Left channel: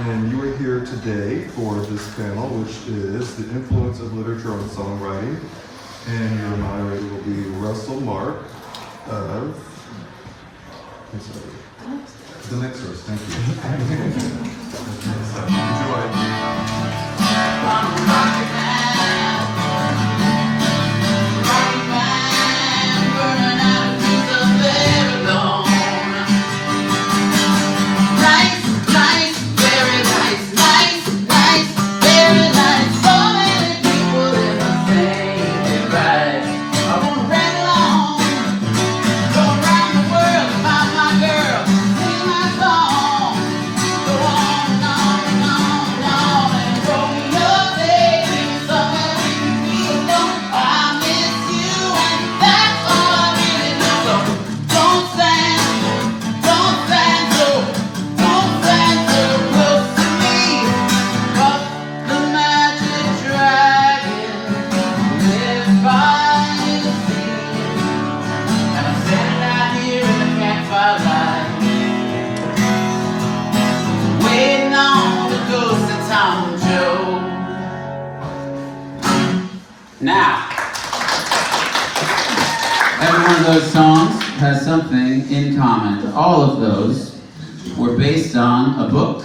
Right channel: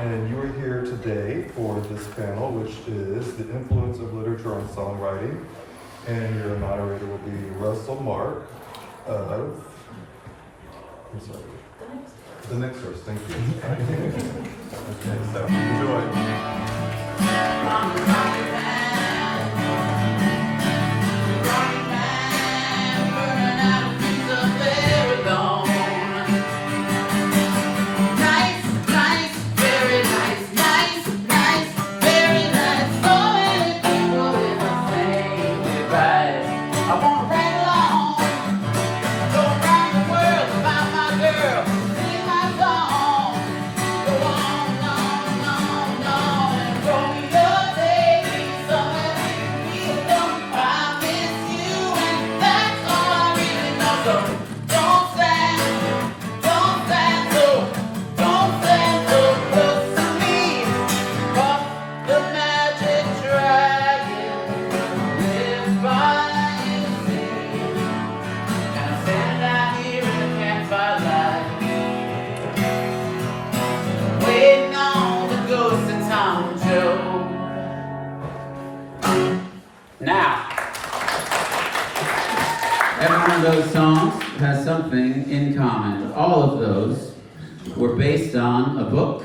And you are here today for this panel, which is the influence of literature on songwriting. And your moderator will be Russell Mark of the Nextdoors. Thank you. So, enjoy. Now, every one of those songs has something in common. All of those were based on a book,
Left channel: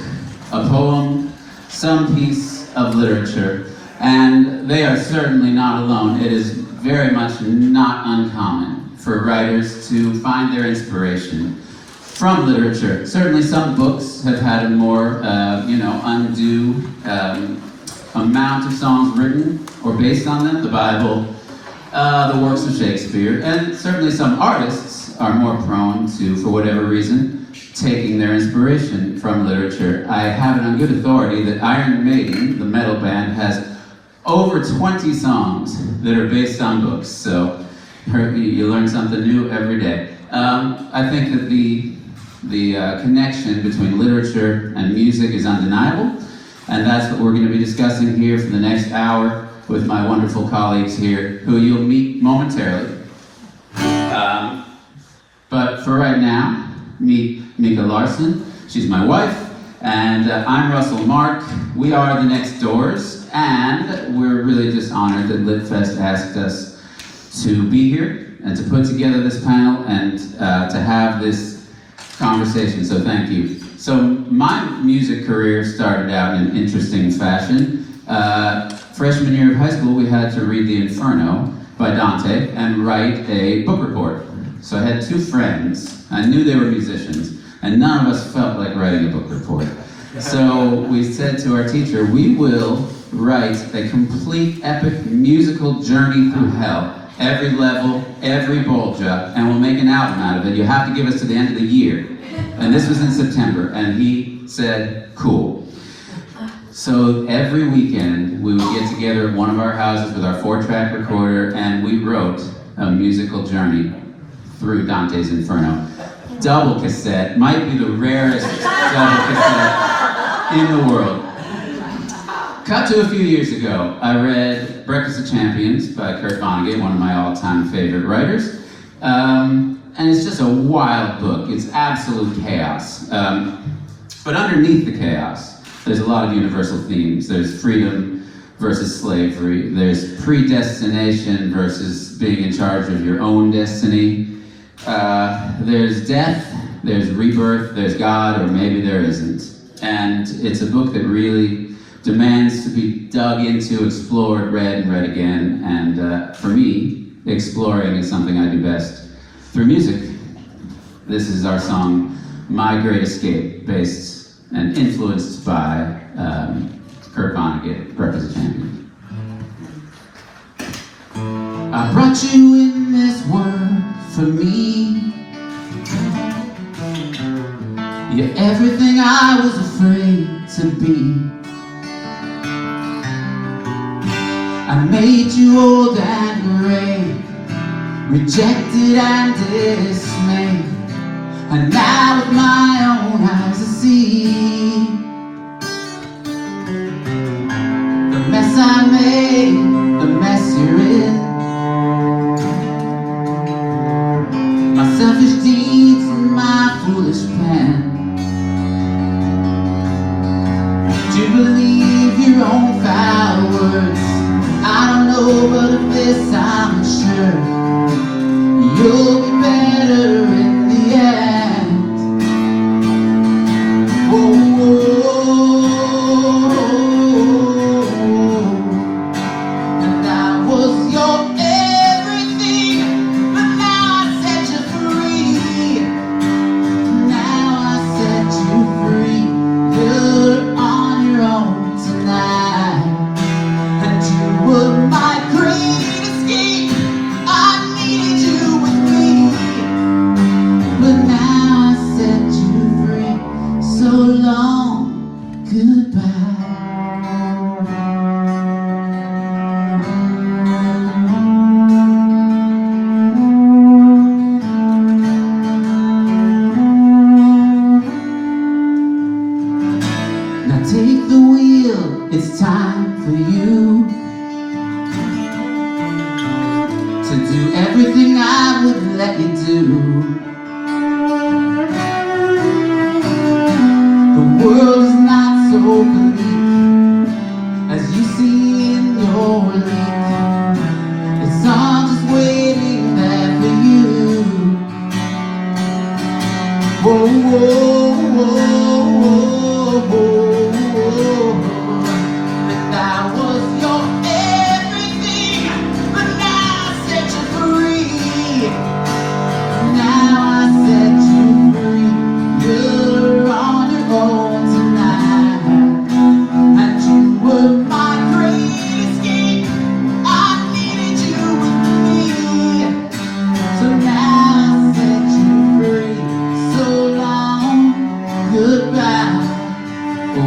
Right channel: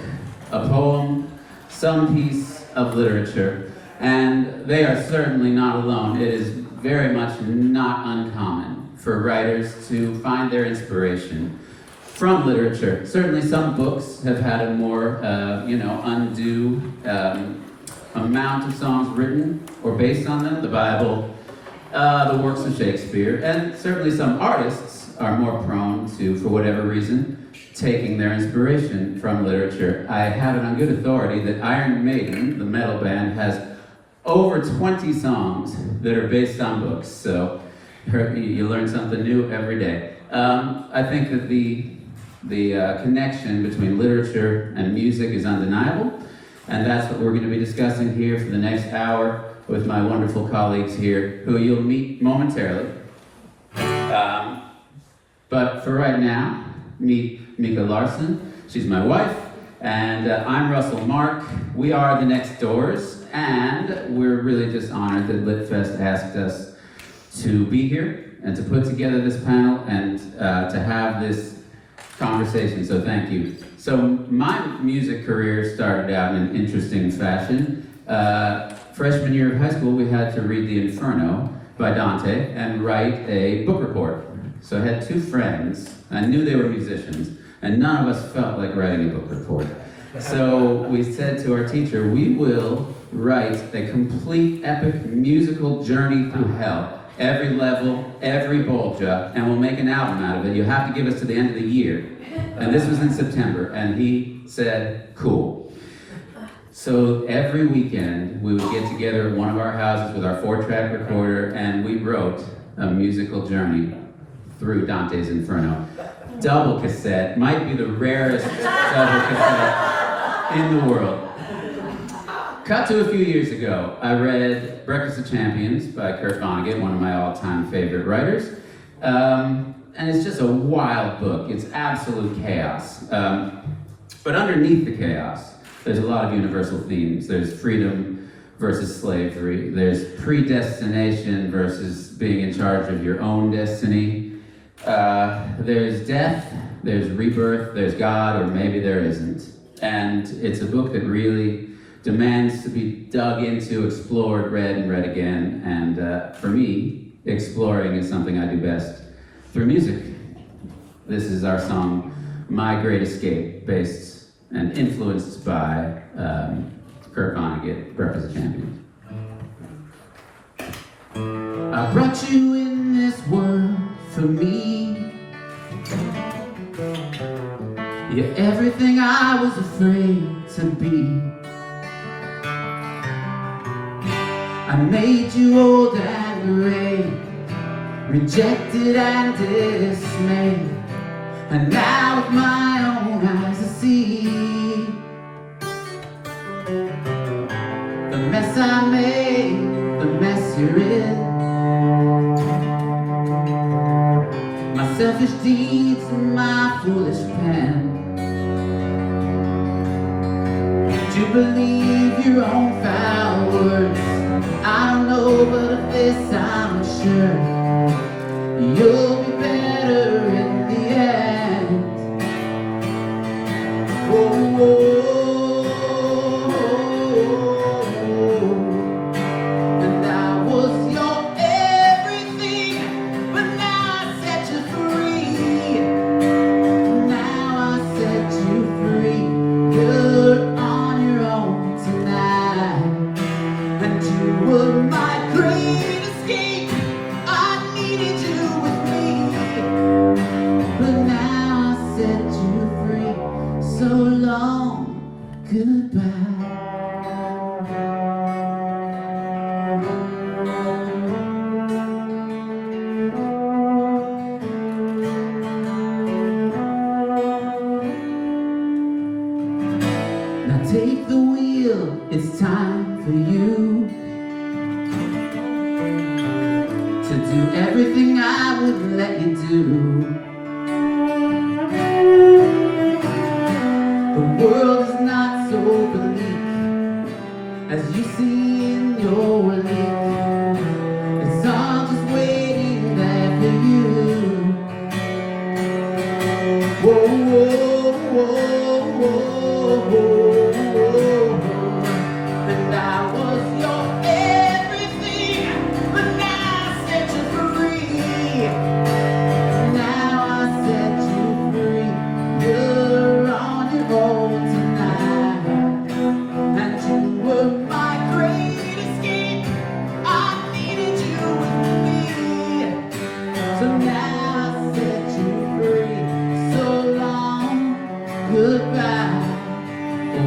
a poem, some piece of literature, and they are certainly not alone. It is very much not uncommon for writers to find their inspiration from literature. Certainly some books have had a more, undue amount of songs written or based on them, the Bible, the works of Shakespeare, and certainly some artists are more prone to, for whatever reason, taking their inspiration from literature. I have it on good authority that Iron Maiden, the metal band, has over 20 songs that are based on books, so you learn something new every day. I think that the connection between literature and music is undeniable, and that's what we're going to be discussing here for the next hour with my wonderful colleagues here, who you'll meet momentarily. But for right now, meet Mika Larson. She's my wife, and I'm Russell Mark. We are the Nextdoors, and we're really just honored that LitFest asked us to be here and to put together this panel and to have this conversation, so thank you. So my music career started out in an interesting fashion. Freshman year of high school, we had to read The Inferno by Dante and write a book report. So I had two friends, I knew they were musicians, and none of us felt like writing a book report. So we said to our teacher, we will write a complete epic musical journey through hell, every level, every ball job, and we'll make an album out of it. You have to give us to the end of the year. And this was in September, and he said, cool. So every weekend, we would get together at one of our houses with our 4-track recorder, and we wrote a musical journey through Dante's Inferno. Double cassette, might be the rarest double cassette in the world. Cut to a few years ago, I read Breakfast of Champions by Kurt Vonnegut, one of my all-time favorite writers. And it's just a wild book. It's absolute chaos. But underneath the chaos, there's a lot of universal themes. There's freedom versus slavery. There's predestination versus being in charge of your own destiny. There's death, there's rebirth, there's God, or maybe there isn't. And it's a book that really demands to be dug into, explored, read, and read again. And for me, exploring is something I do best through music. This is our song, My Great Escape, based and influenced by Kurt Vonnegut, Breakfast of Champions. I brought you in this world for me. You're everything I was afraid to be. I made you old and gray, rejected and dismayed, and now with my own eyes I see the mess I made, the mess you're in, my selfish deeds and my foolish pen. to believe your own foul words. I don't know, but of this I'm sure you'll be better in the end. Whoa, and I was your everything, but now I set you free. Now I set you free. You're on your own tonight, and you were my great escape. I needed you with me, but now I set you free. So long, goodbye. Now take the wheel, it's time for you to do everything I wouldn't let you do. The world is not so bleak as you see in your leak. It's all just waiting there for you. Whoa, whoa, whoa, whoa, whoa. And I was your everything, but now I set you free. Now I set you free. You're on your own tonight, and you were my great escape. I needed you with me, so now I set you free. So long, goodbye. Oh,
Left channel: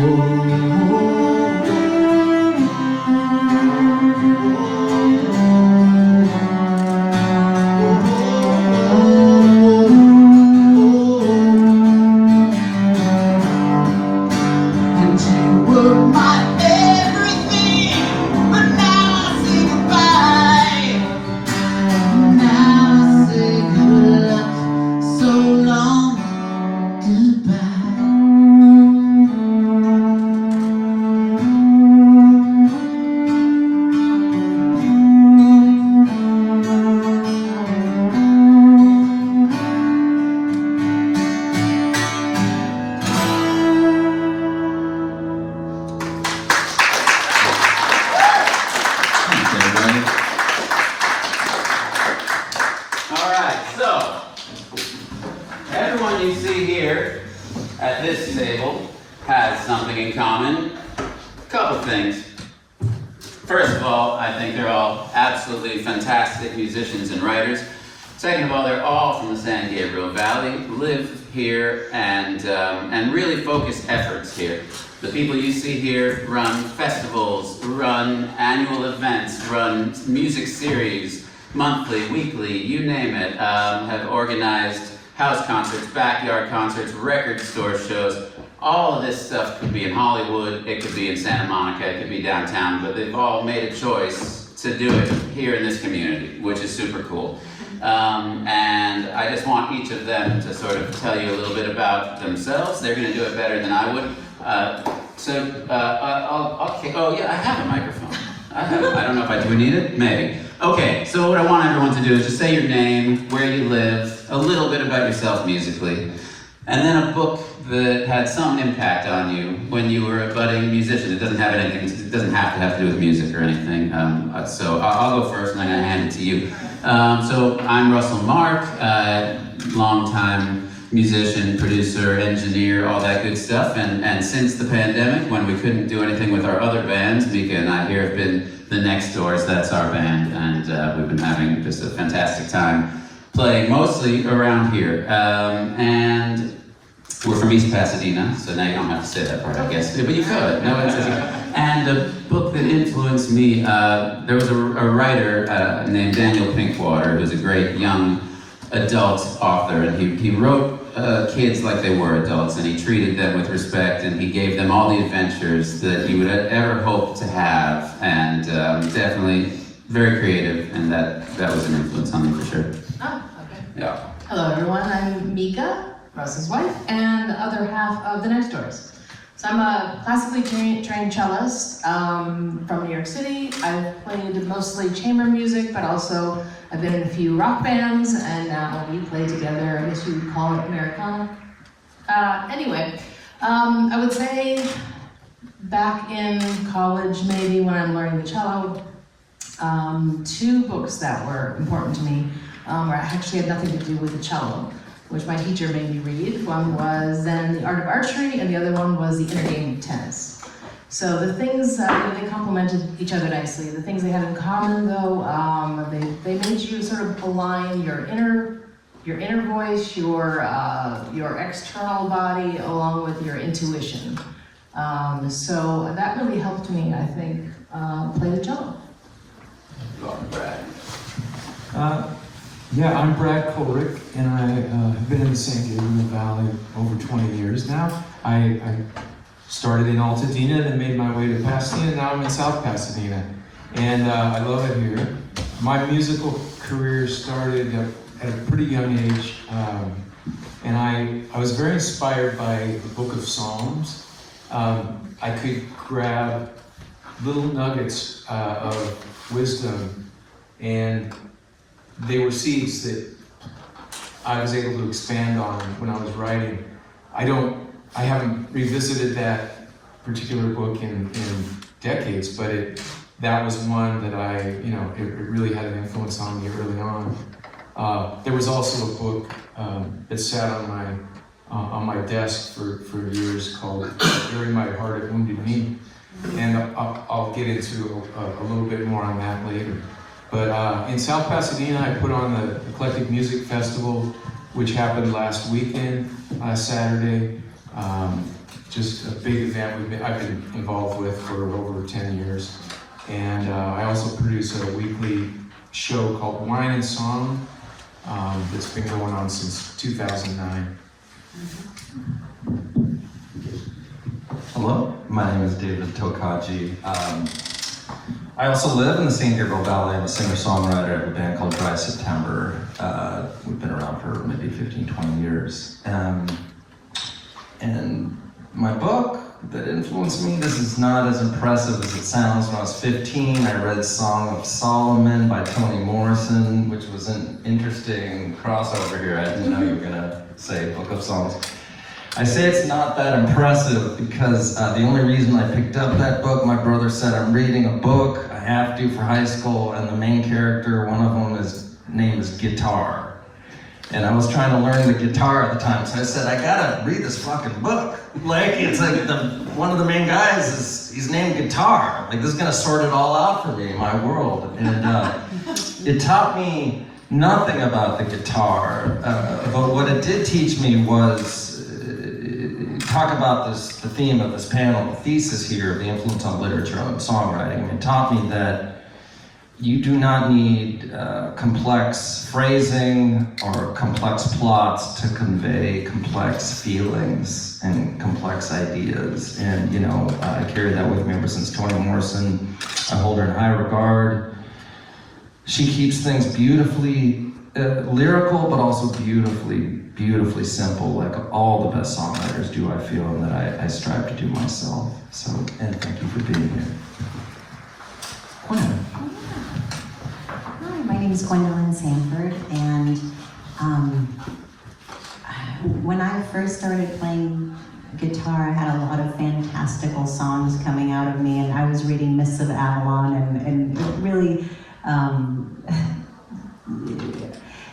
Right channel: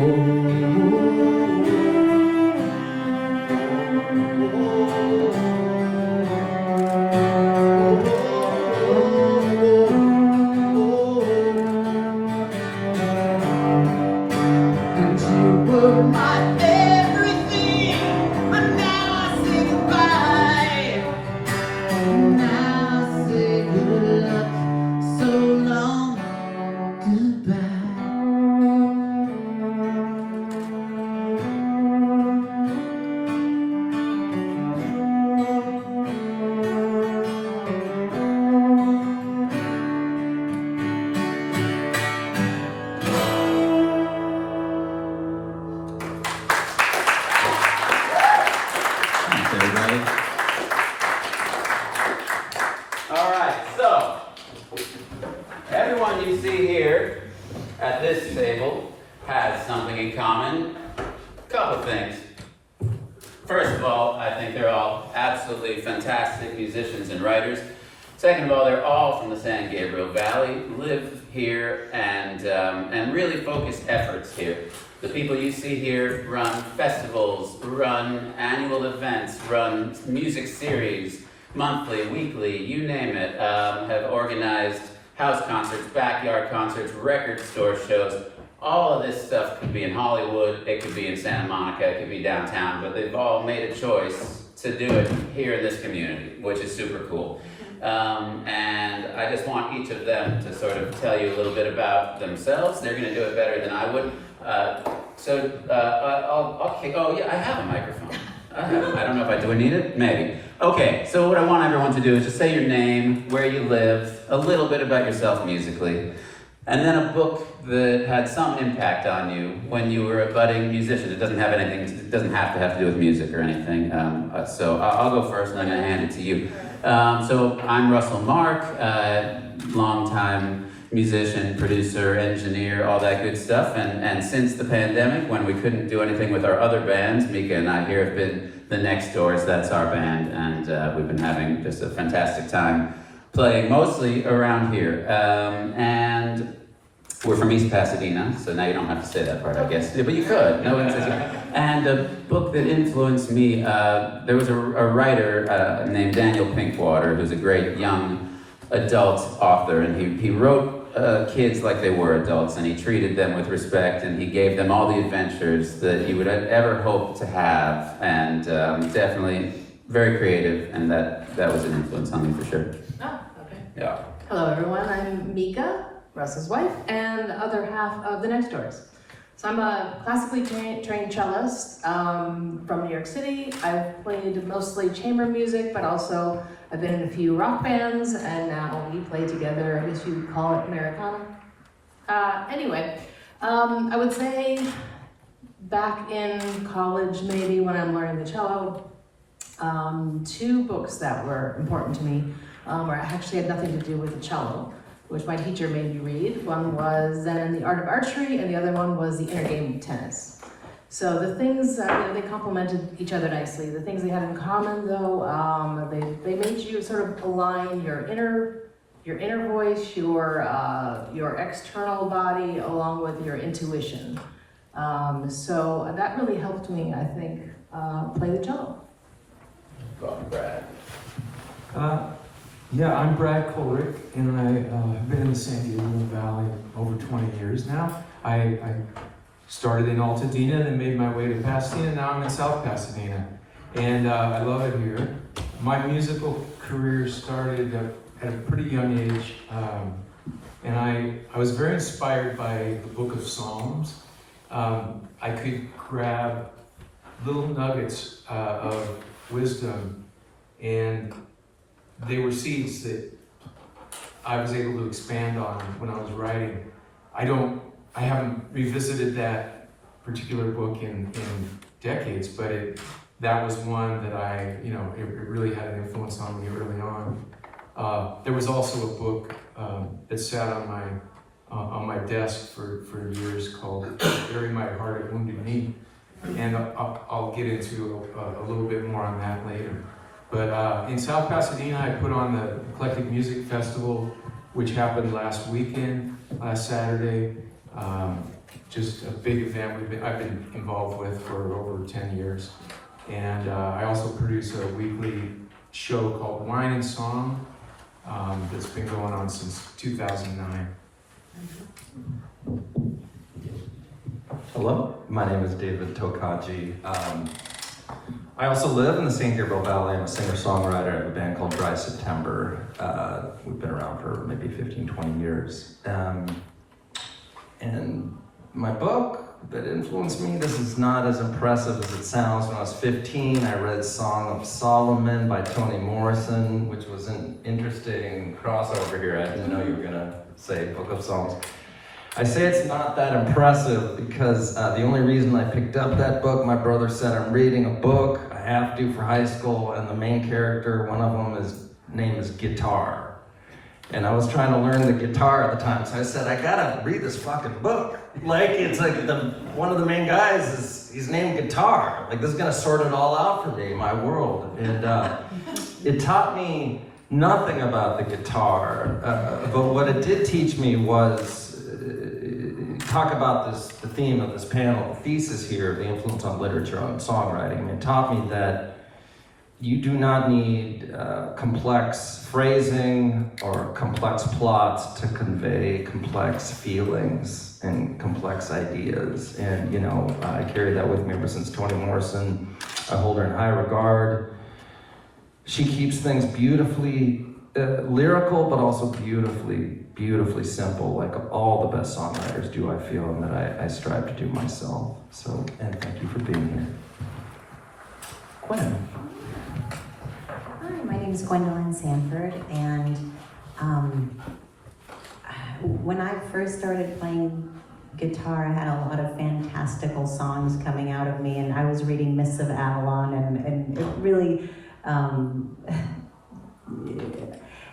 and you were my everything, but now I say goodbye. Now I say good luck. So long, goodbye. Thanks, everybody. All right, so everyone you see here at this table has something in common. A couple things. First of all, I think they're all absolutely fantastic musicians and writers. Second of all, they're all from the San Gabriel Valley, live here, and really focus efforts here. The people you see here run festivals, run annual events, run music series, monthly, weekly, you name it, have organized house concerts, backyard concerts, record store shows. All of this stuff could be in Hollywood, it could be in Santa Monica, it could be downtown, but they've all made a choice to do it here in this community, which is super cool. And I just want each of them to sort of tell you a little bit about themselves. They're gonna do it better than I would. Oh yeah, I have a microphone. I don't know if I do need it, maybe. Okay, so what I want everyone to do is just say your name, where you live, a little bit about yourself musically, and then a book that had some impact on you when you were a budding musician. It doesn't have anything, it doesn't have to do with music or anything. So I'll go first and I'm gonna hand it to you. So I'm Russell Mark, longtime musician, producer, engineer, all that good stuff. And since the pandemic, when we couldn't do anything with our other bands, Mika and I here have been the Nextdoors, that's our band, and we've been having just a fantastic time playing mostly around here. And we're from East Pasadena, so now you don't have to say that part, I guess. Yeah, but you could. No, and the book that influenced me, there was a writer named Daniel Pinkwater, who's a great young adult author, and he wrote kids like they were adults, and he treated them with respect, and he gave them all the adventures that he would ever hope to have, and definitely very creative, and that was an influence on me for sure. Oh, okay. Yeah. Hello everyone, I'm Mika, Russ's wife, and the other half of the Nextdoors. So I'm a classically trained cellist from New York City. I've played mostly chamber music, but also I've been in a few rock bands, and now we play together. I guess you would call it Americana. Anyway, I would say back in college, maybe when I'm learning the cello, two books that were important to me, or actually had nothing to do with the cello, which my teacher made me read. One was Zen, the Art of Archery, and the other one was The Inner Game of Tennis. So the things, they complemented each other nicely. The things they had in common, though, they made you sort of align your inner voice, your external body, along with your intuition. So that really helped me, I think, play the cello. Yeah, I'm Brad Colerick, and I have been in the San Gabriel Valley over 20 years now. I started in Altadena and then made my way to Pasadena, and now I'm in South Pasadena. And I love it here. My musical career started at a pretty young age, and I was very inspired by the Book of Psalms. I could grab little nuggets of wisdom, and they were seeds that I was able to expand on when I was writing. I haven't revisited that particular book in decades, but that was one that it really had an influence on me early on. There was also a book that sat on my desk for years called "Bury My Heart at Wounded Knee," and I'll get into a little bit more on that later. But in South Pasadena, I put on the Eclectic Music Festival, which happened last weekend, last Saturday. Just a big event I've been involved with for over 10 years. And I also produce a weekly show called Wine and Song that's been going on since 2009. Hello, my name is David Tokaji. I also live in the San Gabriel Valley. I'm a singer-songwriter. I have a band called Dry September. We've been around for maybe 15, 20 years. And my book that influenced me, this is not as impressive as it sounds. When I was 15, I read Song of Solomon by Toni Morrison, which was an interesting crossover here. I didn't know you were gonna say Book of Songs. I say it's not that impressive because the only reason I picked up that book, my brother said, I'm reading a book, I have to for high school, and the main character, one of them, name is Guitar. And I was trying to learn the guitar at the time, so I said, I gotta read this fucking book. It's like one of the main guys he's named Guitar. This is gonna sort it all out for me, my world. And it taught me nothing about the guitar, but what it did teach me was talk about the theme of this panel, the thesis here, the influence on literature and songwriting. It taught me that you do not need complex phrasing or complex plots to convey complex feelings and complex ideas. And I carry that with me ever since Toni Morrison. I hold her in high regard. She keeps things beautifully lyrical, but also beautifully simple, like all the best songwriters do, I feel, and that I strive to do myself. So, and thank you for being here. Gwendolyn. Hi, my name is Gwendolyn Sanford, and when I first started playing guitar, I had a lot of fantastical songs coming out of me, and I was reading Mists of Avalon, and it really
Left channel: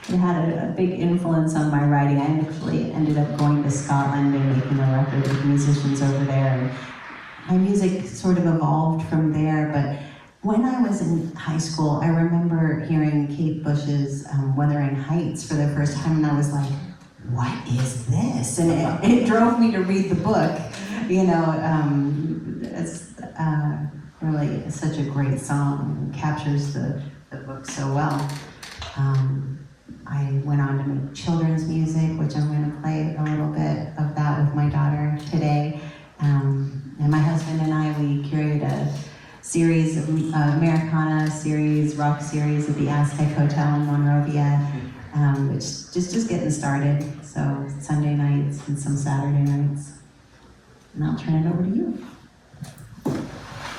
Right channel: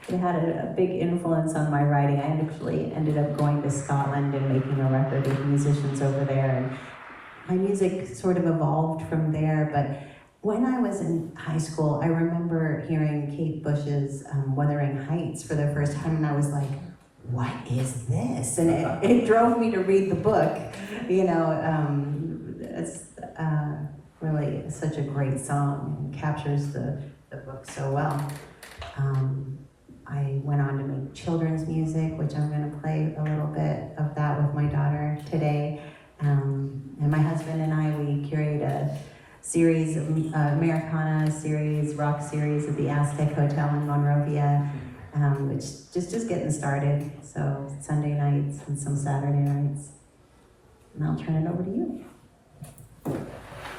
it had a big influence on my writing. I actually ended up going to Scotland and making a record with musicians over there, and my music sort of evolved from there. But when I was in high school, I remember hearing Kate Bush's Wuthering Heights for the first time, and I was like, what is this? And it drove me to read the book. It's really such a great song, and captures the book so well. I went on to make children's music, which I'm going to play a little bit of that with my daughter today. And my husband and I, we curated a series, Americana series, rock series at the Aztec Hotel in Monrovia, which just getting started. So Sunday nights and some Saturday nights. And I'll turn it over to you.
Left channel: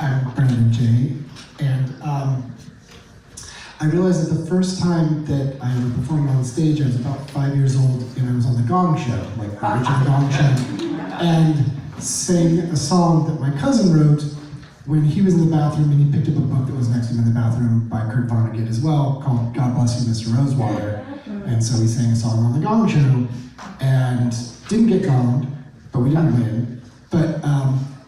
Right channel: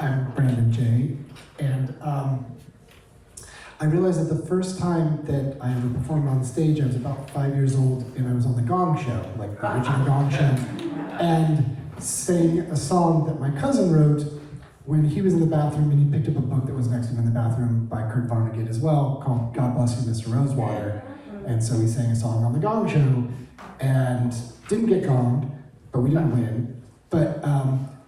I'm Brandon Jay, and I realized that the first time that I ever performed on stage, I was about 5 years old, and I was on the Gong Show, like the original Gong Show, and sang a song that my cousin wrote when he was in the bathroom, and he picked up a book that was next to him in the bathroom by Vonnegut as well, called God Bless You, Mr. Rosewater. And so we sang a song on the Gong Show, and didn't get gonged, but we didn't win. But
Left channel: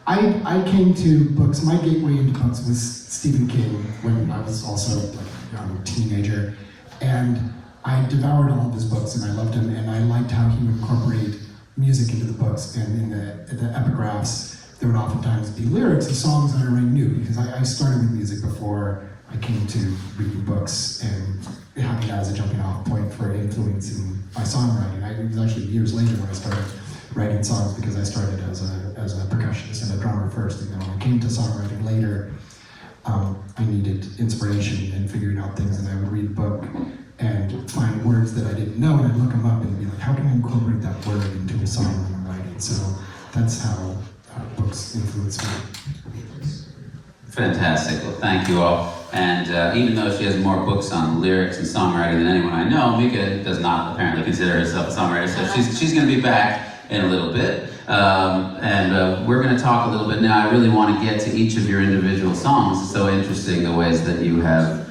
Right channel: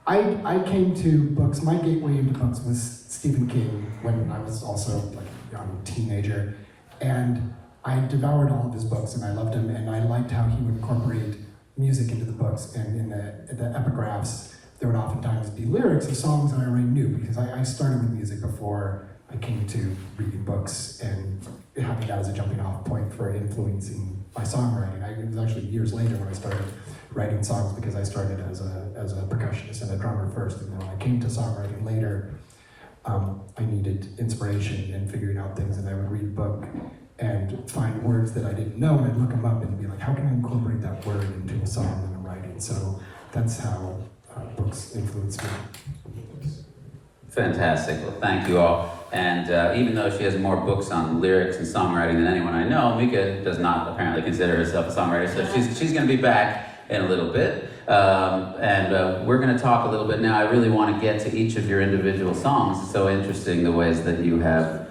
I came to books, my gateway into books was Stephen King when I was also like a young teenager. And I devoured all of his books and I loved him, and I liked how he would incorporate music into the books, and in the epigraphs, there would oftentimes be lyrics of songs that I already knew, because I started with music before I came to reading books and having that as a jumping off point for influence in my songwriting. It was actually years later when I started writing songs, because I started as a percussionist and a drummer first, and then when I came to songwriting later, I needed inspiration and figuring out things that I would read a book and find words that I didn't know, and I'd look them up and be like, how can I incorporate that word into a song that I'm writing? So that's how books influence me. Fantastic. Well, thank you all. And even though she has more books on lyrics and songwriting than anyone I know, Mika does not apparently consider herself a songwriter, so she's going to be back in a little bit. We're going to talk a little bit now. I really want to get to each of your individual songs. It's so interesting the ways that you have,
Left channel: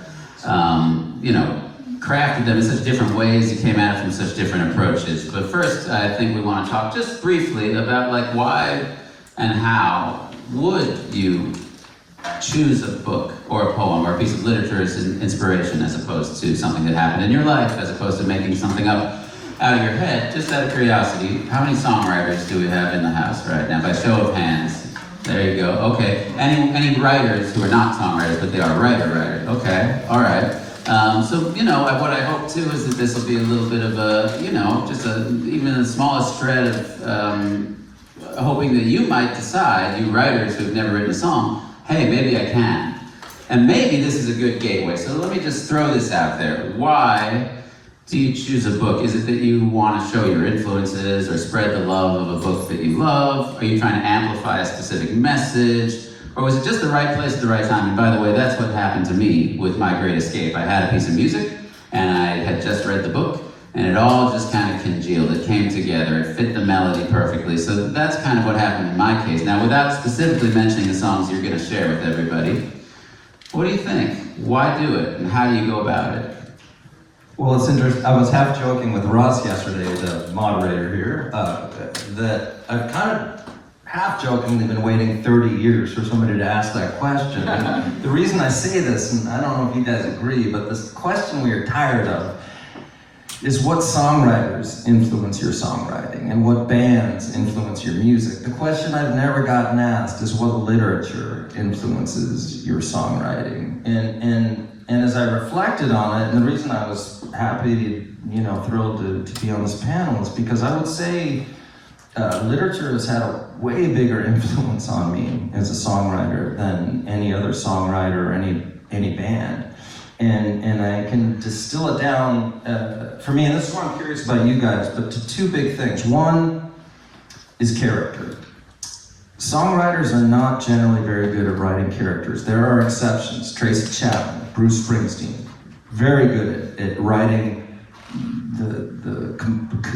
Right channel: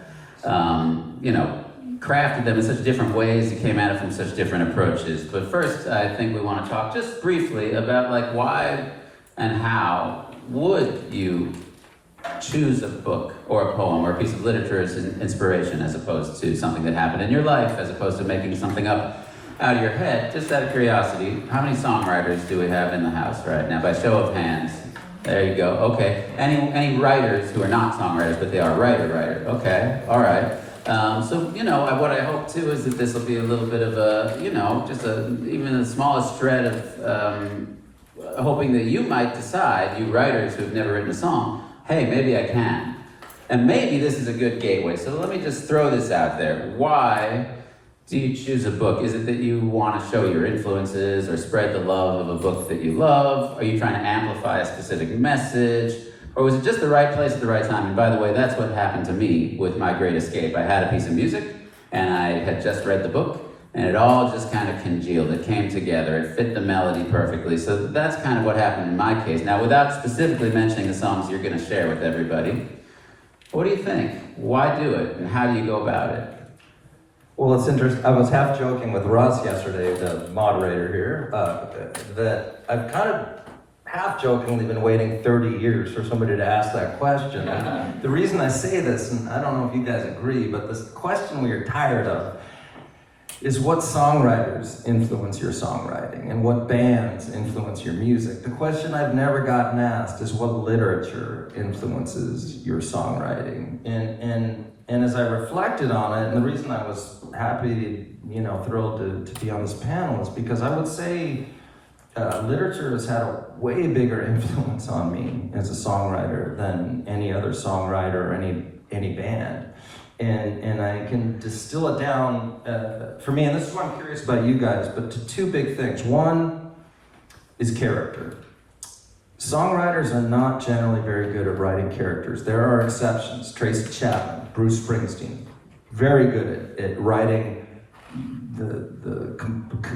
crafted them in such different ways. You came at it from such different approaches. But first, I think we want to talk just briefly about like why and how would you choose a book or a poem or a piece of literature as an inspiration as opposed to something that happened in your life, as opposed to making something up out of your head. Just out of curiosity, how many songwriters do we have in the house right now? By show of hands. There you go. Okay. Any writers who are not songwriters, but they are writer? Okay. All right. What I hope too is that this will be a little bit of a, even the smallest shred of hoping that you might decide, you writers who have never written a song, hey, maybe I can. And maybe this is a good gateway. So let me just throw this out there. Why do you choose a book? Is it that you want to show your influences or spread the love of a book that you love? Are you trying to amplify a specific message? Or was it just the right place at the right time? And by the way, that's what happened to me with My Great Escape. I had a piece of music, and I had just read the book, and it all just kind of congealed. It came together. It fit the melody perfectly. So that's kind of what happened in my case. Now, without specifically mentioning the songs you're going to share with everybody, what do you think? Why do it, and how do you go about it? Well, it's interesting. I was half joking with Russ yesterday, the moderator here, that I've kind of half jokingly been waiting 30 years for somebody to ask that question. And the reason I say this, and I don't know if you guys agree, but this question we are tired of is what songwriters influence your songwriting and what bands influence your music. The question I've never gotten asked is what literature influences your songwriting. And as I reflected on it, and the reason I was happy, thrilled to be on this panel is because I would say literature has had a way bigger influence on me as a songwriter than any other songwriter or any band. And I can distill it down, for me, and this is why I'm curious about you guys, but to two big things. One is character. Songwriters are not generally very good at writing characters. There are exceptions. Tracy Chapman, Bruce Springsteen, very good at writing the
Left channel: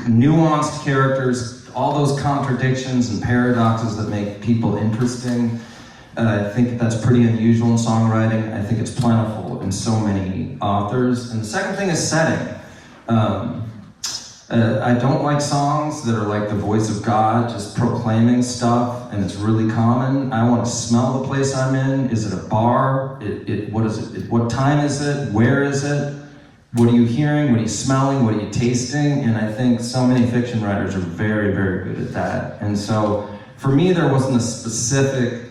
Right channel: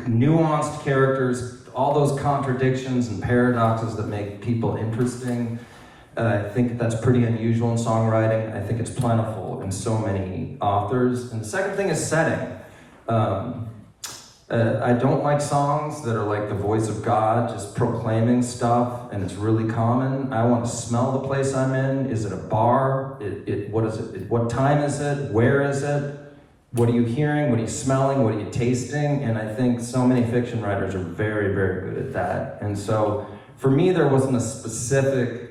nuanced characters, all those contradictions and paradoxes that make people interesting. I think that's pretty unusual in songwriting. I think it's plentiful in so many authors. And the second thing is setting. I don't like songs that are like the voice of God, just proclaiming stuff, and it's really common. I want to smell the place I'm in. Is it a bar? What is it? What time is it? Where is it? What are you hearing? What are you smelling? What are you tasting? And I think so many fiction writers are very, very good at that. And so for me, there wasn't a specific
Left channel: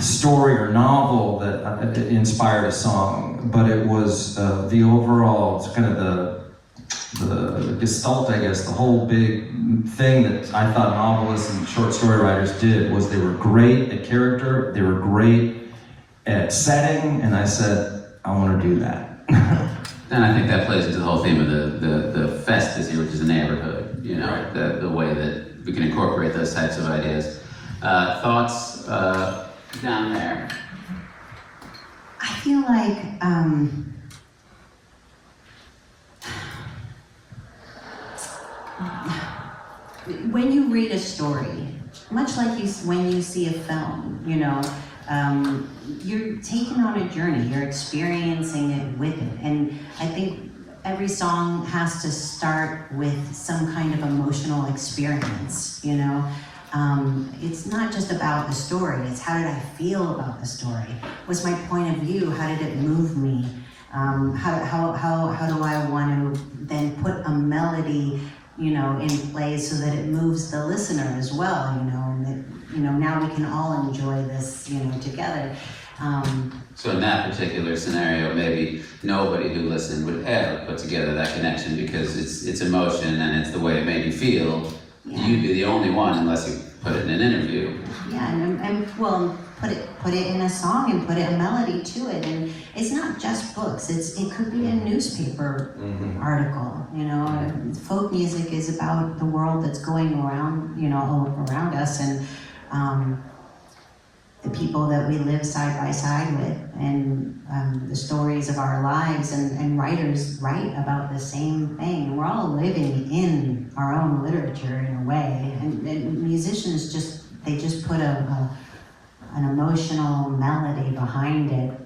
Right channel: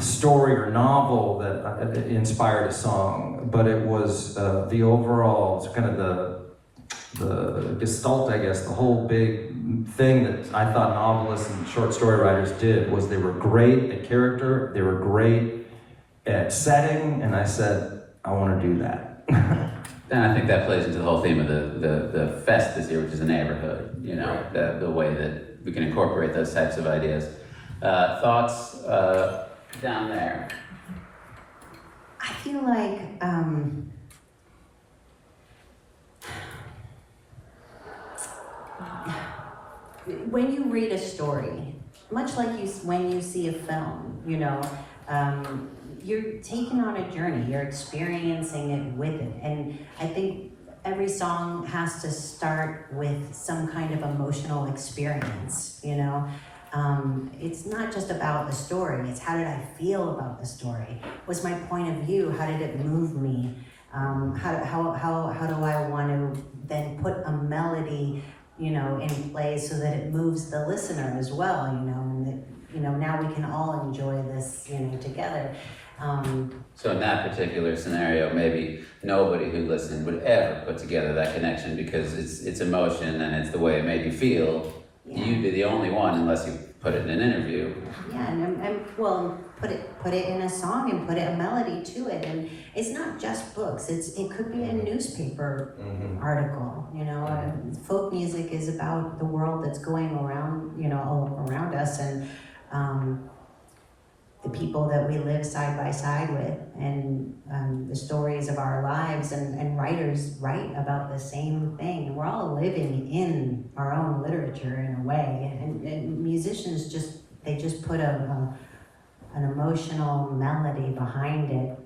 story or novel that inspired a song, but it was the overall, it's kind of the gestalt, I guess, the whole big thing that I thought novelists and short story writers did was they were great at character, they were great at setting, and I said, I want to do that. And I think that plays into the whole theme of the fest this year, which is a neighborhood, Right. the way that we can incorporate those types of ideas. Thoughts down there? I feel like when you read a story, much like when you see a film, you know, you're taken on a journey, you're experiencing it with it. And I think every song has to start with some kind of emotional experience, you know? It's not just about the story, it's how did I feel about the story? What's my point of view? How did it move me? How do I want to then put a melody, you know, in place so that it moves the listener as well, you know, and that, you know, now we can all enjoy this, you know, together. So in that particular scenario, maybe nobody who listened would ever put together that connection because it's emotion and it's the way it made you feel. Yeah. You'd be the only one unless you put it in an interview. Yeah, and well, put it in a song and put a melody to it, and it's not just books. It could be a newspaper article. You know, folk music is about the world that's going around, you know, all around us, and the people that we live side by side with, and the stories of our lives, and writers write about the same thing. We're all living in our own literature in a way, and musicians just put an emotional melody behind it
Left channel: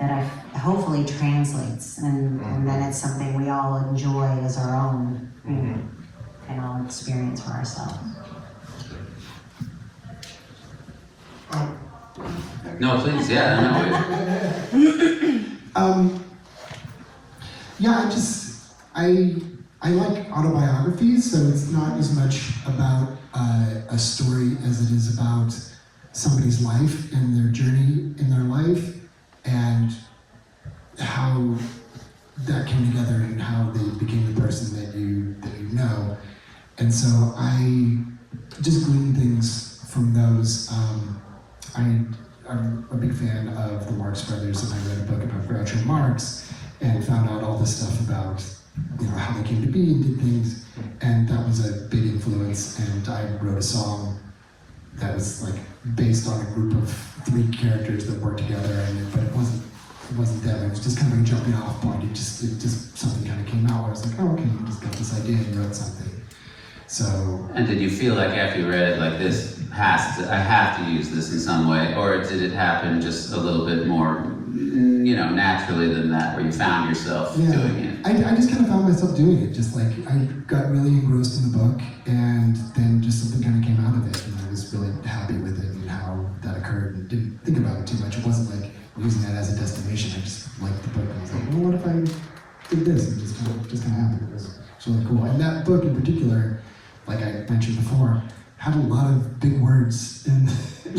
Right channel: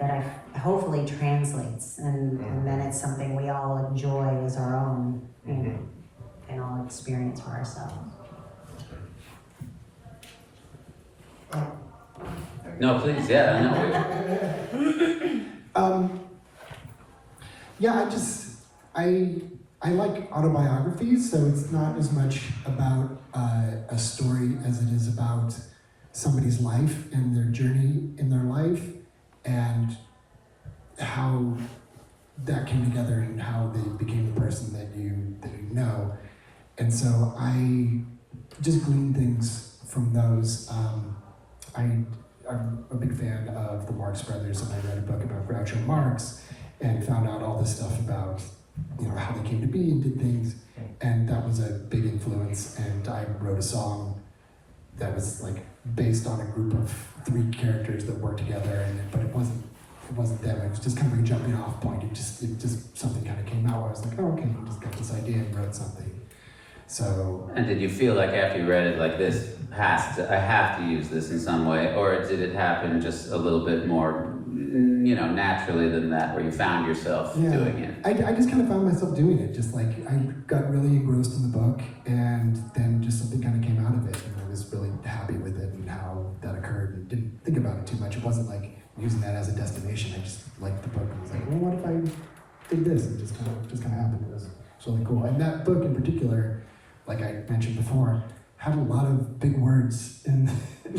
that hopefully translates, and then it's something we all enjoy as our own, you know, and all experience for ourselves. No, please, yeah, no. Yeah, I like autobiographies, so it's not as much about a story as it is about somebody's life and their journey in their life, and how that came together and how they became the person that you know. And so I just glean things from those. I'm a big fan of the Marx Brothers, and I read a book about Groucho Marx and found out all this stuff about, you know, how they came to be and did things, and that was a big influence. And I wrote a song that was like based on a group of 3 characters that worked together, but it wasn't them. It was just kind of a jumping off point. It just something kind of came out where I was like, oh, okay, you just got this idea and wrote something. So. And did you feel like after you read it, like I have to use this in some way, or did it happen just a little bit more, you know, naturally than that, where you found yourself doing it? I just kind of found myself doing it. Just like I got really engrossed in the book, and then just something kind of came out of it, and I was really happy with it and how that occurred, and didn't think about it too much. It wasn't like using that as a destination. I just liked the book, and I was like, well, what if I did this? And it just kind of happened. It was really cool. And that book in particular, like I mentioned before, had a lot of big words and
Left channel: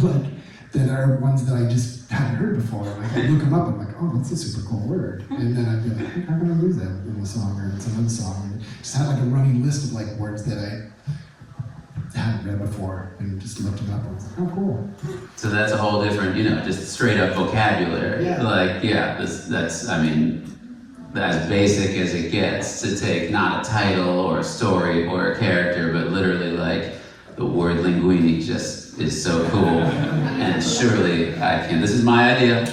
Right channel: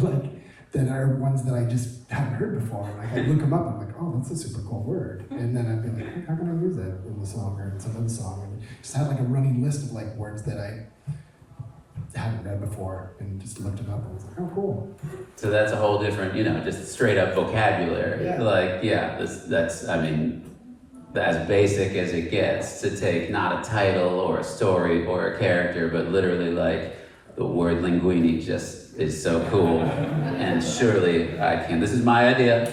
like that are ones that I just hadn't heard before. Like I look them up, I'm like, oh, that's a super cool word. And then I'd be like, how can I use that in the song or in some other song? And just had like a running list of like words that I hadn't read before, and just looked them up and was like, oh, cool. So that's a whole different, you know, just straight up vocabulary. Yeah. Like, yeah, that's, I mean, as basic as it gets, to take not a title or a story or a character, but literally like the word linguini just is so cool. And surely I can, this is my idea,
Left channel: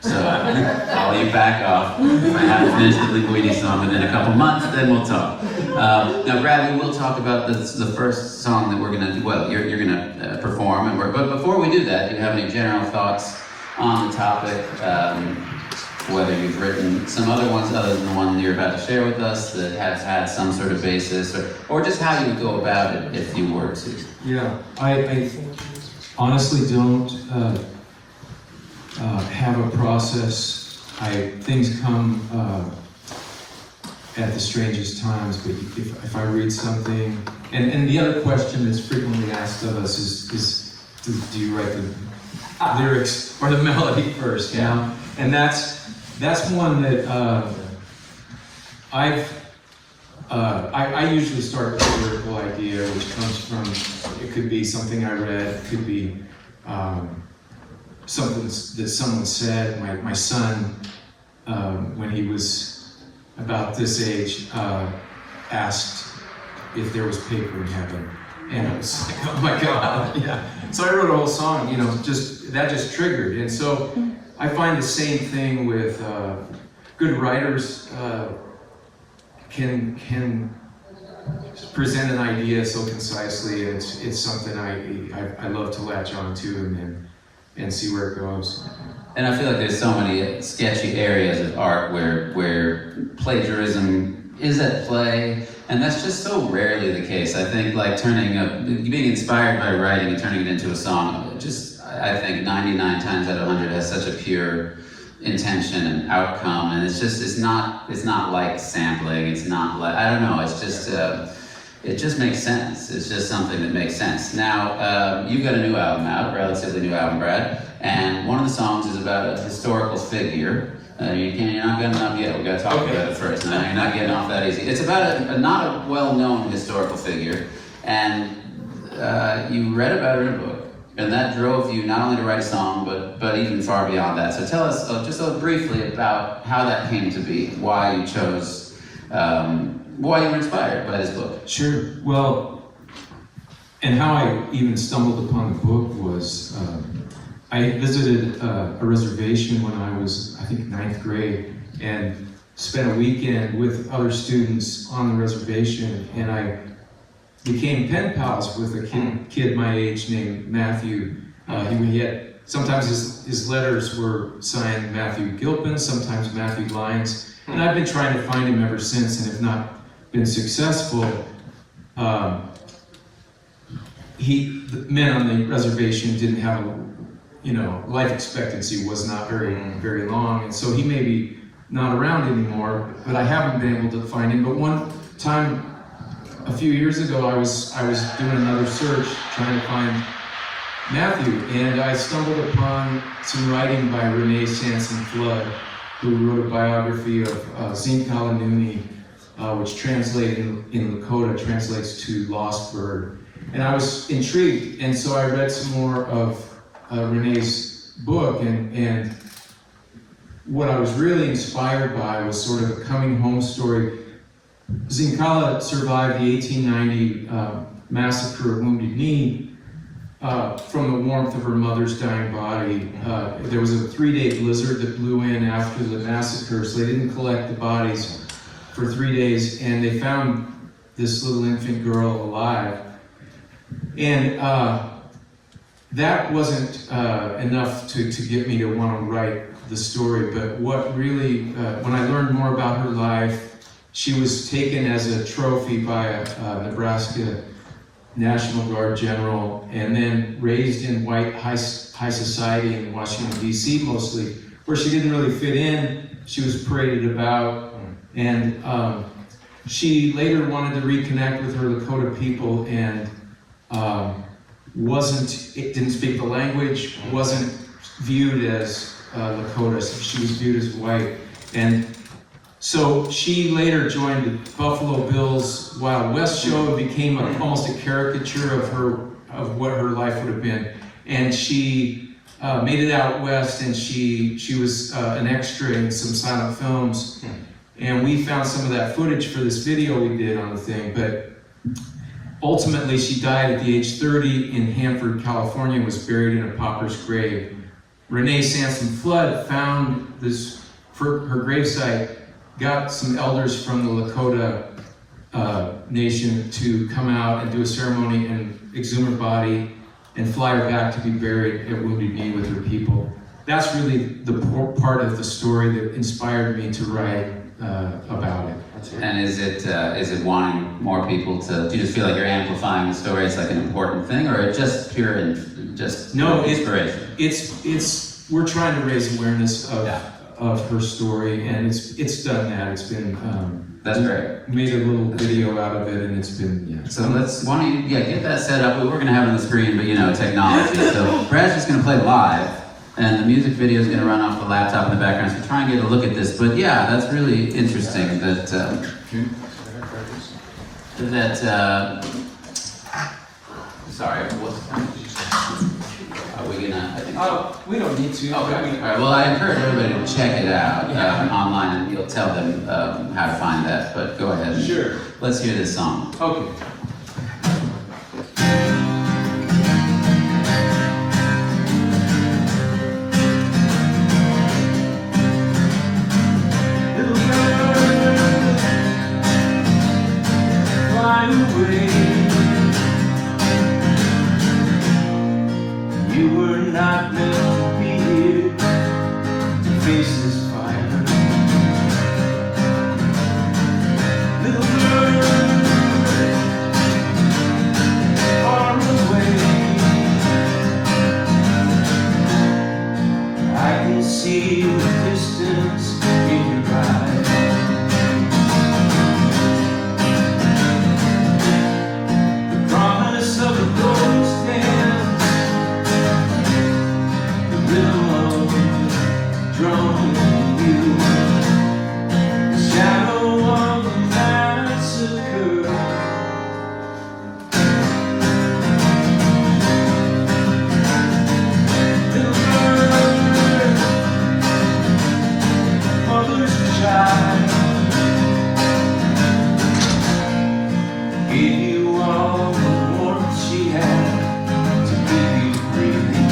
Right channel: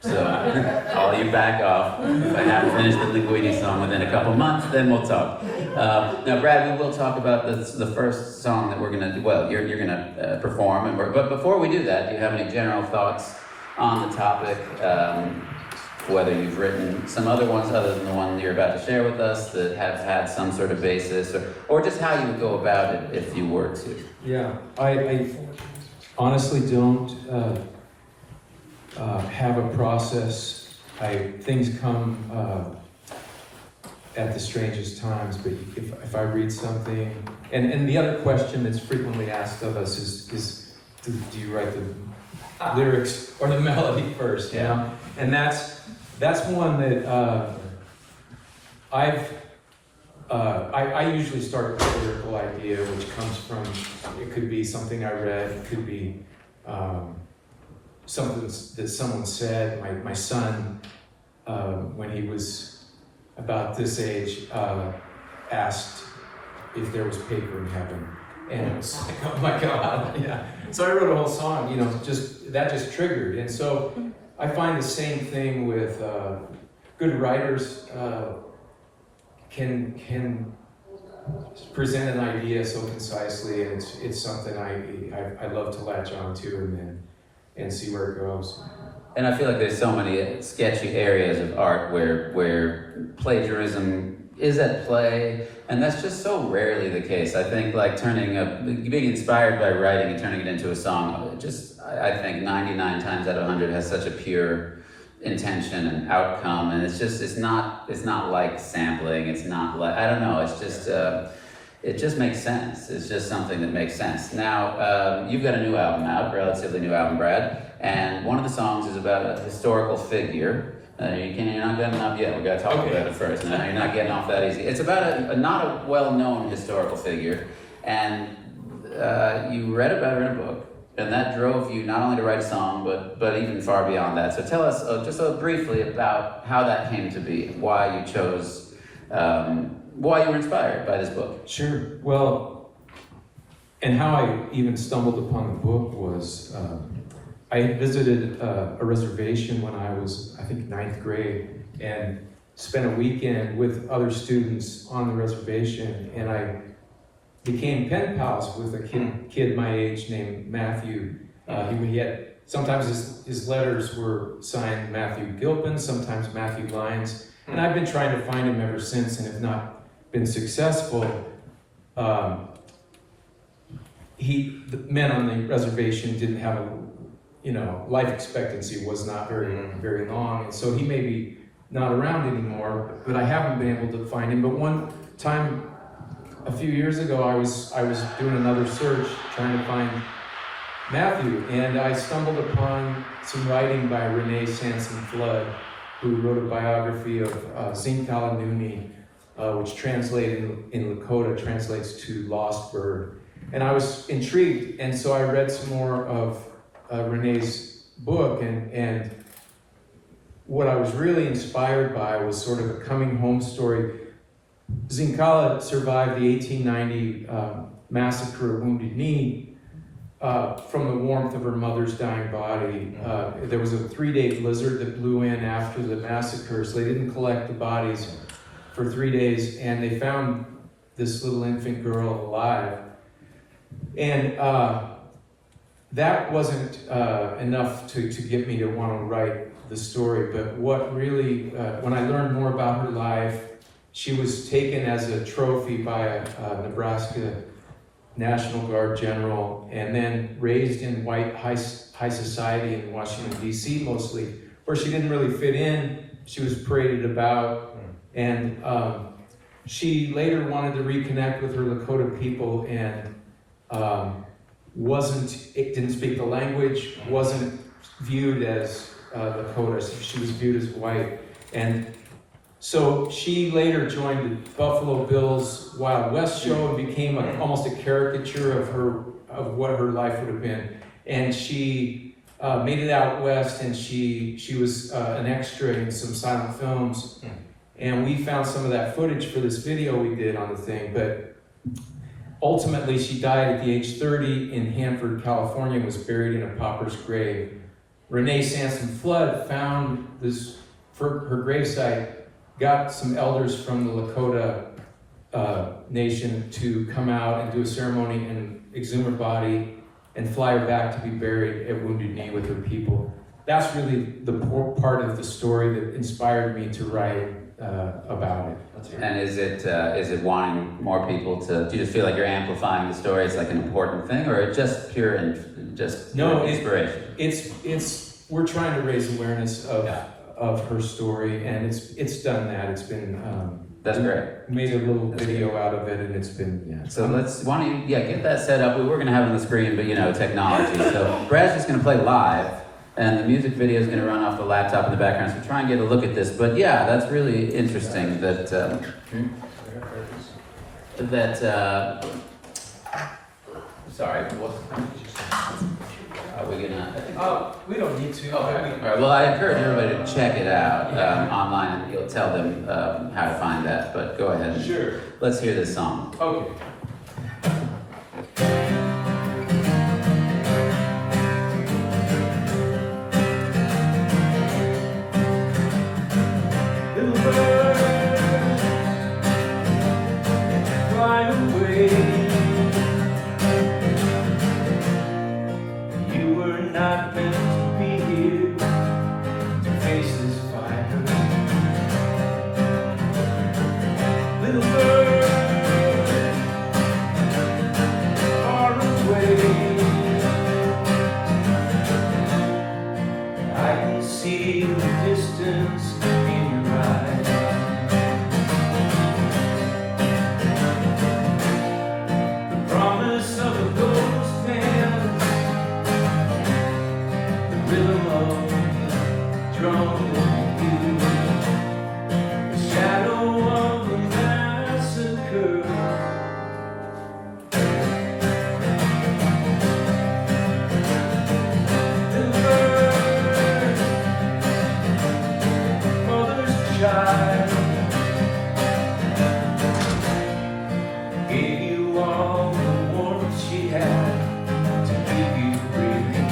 so I'll you back off. If I haven't finished the linguini song within a couple months, then we'll talk. Now Brad, we will talk about the first song that we're gonna do, well, you're gonna perform, and but before we do that, do you have any general thoughts on the topic? Whether you've written some other ones other than the one you're about to share with us that have had some sort of basis, or just how you would go about it if you were to. Yeah, I honestly don't have a process. Things come at the strangest times, but if I read something, and the other question that's frequently asked of us is do you write the lyrics or the melody first? Yeah. You know? And that's one that I usually start with a lyrical idea, which comes from, it could be something I read, it could be something that someone said. My son, when he was about this age, asked if there was paper in heaven. And it was like, oh my God, yeah. So I wrote a whole song, you know, that just triggered. And so I find the same thing with good writers can present an idea so concisely, and it's something I love to latch on to and see where it goes. And I feel like there's so many sketchy areas of art where plagiarism is at play, and that's just so rarely the case. I think like being inspired by writing and turning it into a song, I think 99 times out of 100 has such a pure intention and outcome, and it's not like sampling, it's not like, I don't know, it's just, it just makes sense. It's just something that makes sense. Now, you've got a new album out, relatively new album, Brad, and one of the songs is about a historical figure. You're not getting off yet, we gotta talk about it first. No, you're not getting off that easy. It's about not a well-known historical figure, and you read about her in a book, and that drove you not only to write a song, but even far beyond that. So tell us just briefly about how that came to be, why you chose, why you were inspired by this book. Sure. Well, and how I even stumbled upon the book was, I visited a reservation when I was, I think, 9th grade, and spent a weekend with other students on the reservation, and I became pen pals with a kid my age named Matthew. Sometimes his letters were signed Matthew Gilpin, sometimes Matthew Lyons, and I've been trying to find him ever since, and have not been successful. The men on the reservation didn't have life expectancy was not very long, and so he may be not around anymore, but I haven't been able to find him. But one time, a few years ago, I was doing another search, trying to find Matthew, and I stumbled upon some writing by Renee Flood, who wrote a biography of Zinkala Nuni, which translated in Lakota translates to lost bird. And I was intrigued, and so I read some more of Renee's book, and what I was really inspired by was sort of a coming home story. Zinkala survived the 1890 massacre at Wounded Knee from the warmth of her mother's dying body. There was a 3-day blizzard that blew in after the massacre, so they didn't collect the bodies for 3 days, and they found this little infant girl alive. And that wasn't enough to get me to want to write the story, but what really, when I learned more about her life, she was taken as a trophy by a Nebraska National Guard general, and then raised in white high society in Washington, D.C. mostly, where she didn't really fit in. She was paraded about, and she later wanted to reconnect with her Lakota people, and didn't speak the language, wasn't viewed as Lakota, so she was viewed as white. And so she later joined the Buffalo Bills Wild West show and became almost a caricature of what her life would have been. And she made it out west, and she was an extra in some silent films. And we found some of that footage for this video we did on the thing, but ultimately she died at the age 30 in Hanford, California, and was buried in a pauper's grave. Renee Flood found this, for her gravesite, got some elders from the Lakota nation to come out and do a ceremony and exhume her body and fly her back to be buried at Wounded Knee with her people. That's really the part of the story that inspired me to write about it. And is it wanting more people to, do you just feel like you're amplifying the story? It's like an important thing, or it's just pure and just inspiration? It's we're trying to raise awareness of her story, and it's done that. It's been that's great. Made a little video out of it, and it's been So why don't you get that set up? We're gonna have it on the screen, but technology. So Brad's just gonna play live, and the music video is gonna run off the laptop in the background. So try and get a look at this. But yeah, that's really interesting. Sorry, are we gonna? we don't need to. Okay. All right. Well, I encourage everybody to check it out online, and you'll tell them how to find that. But go ahead. Sure. Let's hear this song. Okay. see the distance in your eyes. The promise of a ghost dance, the rhythm of the drum beat, the shadow of the massacre. Child, gave you all the warmth she had to keep you breathing.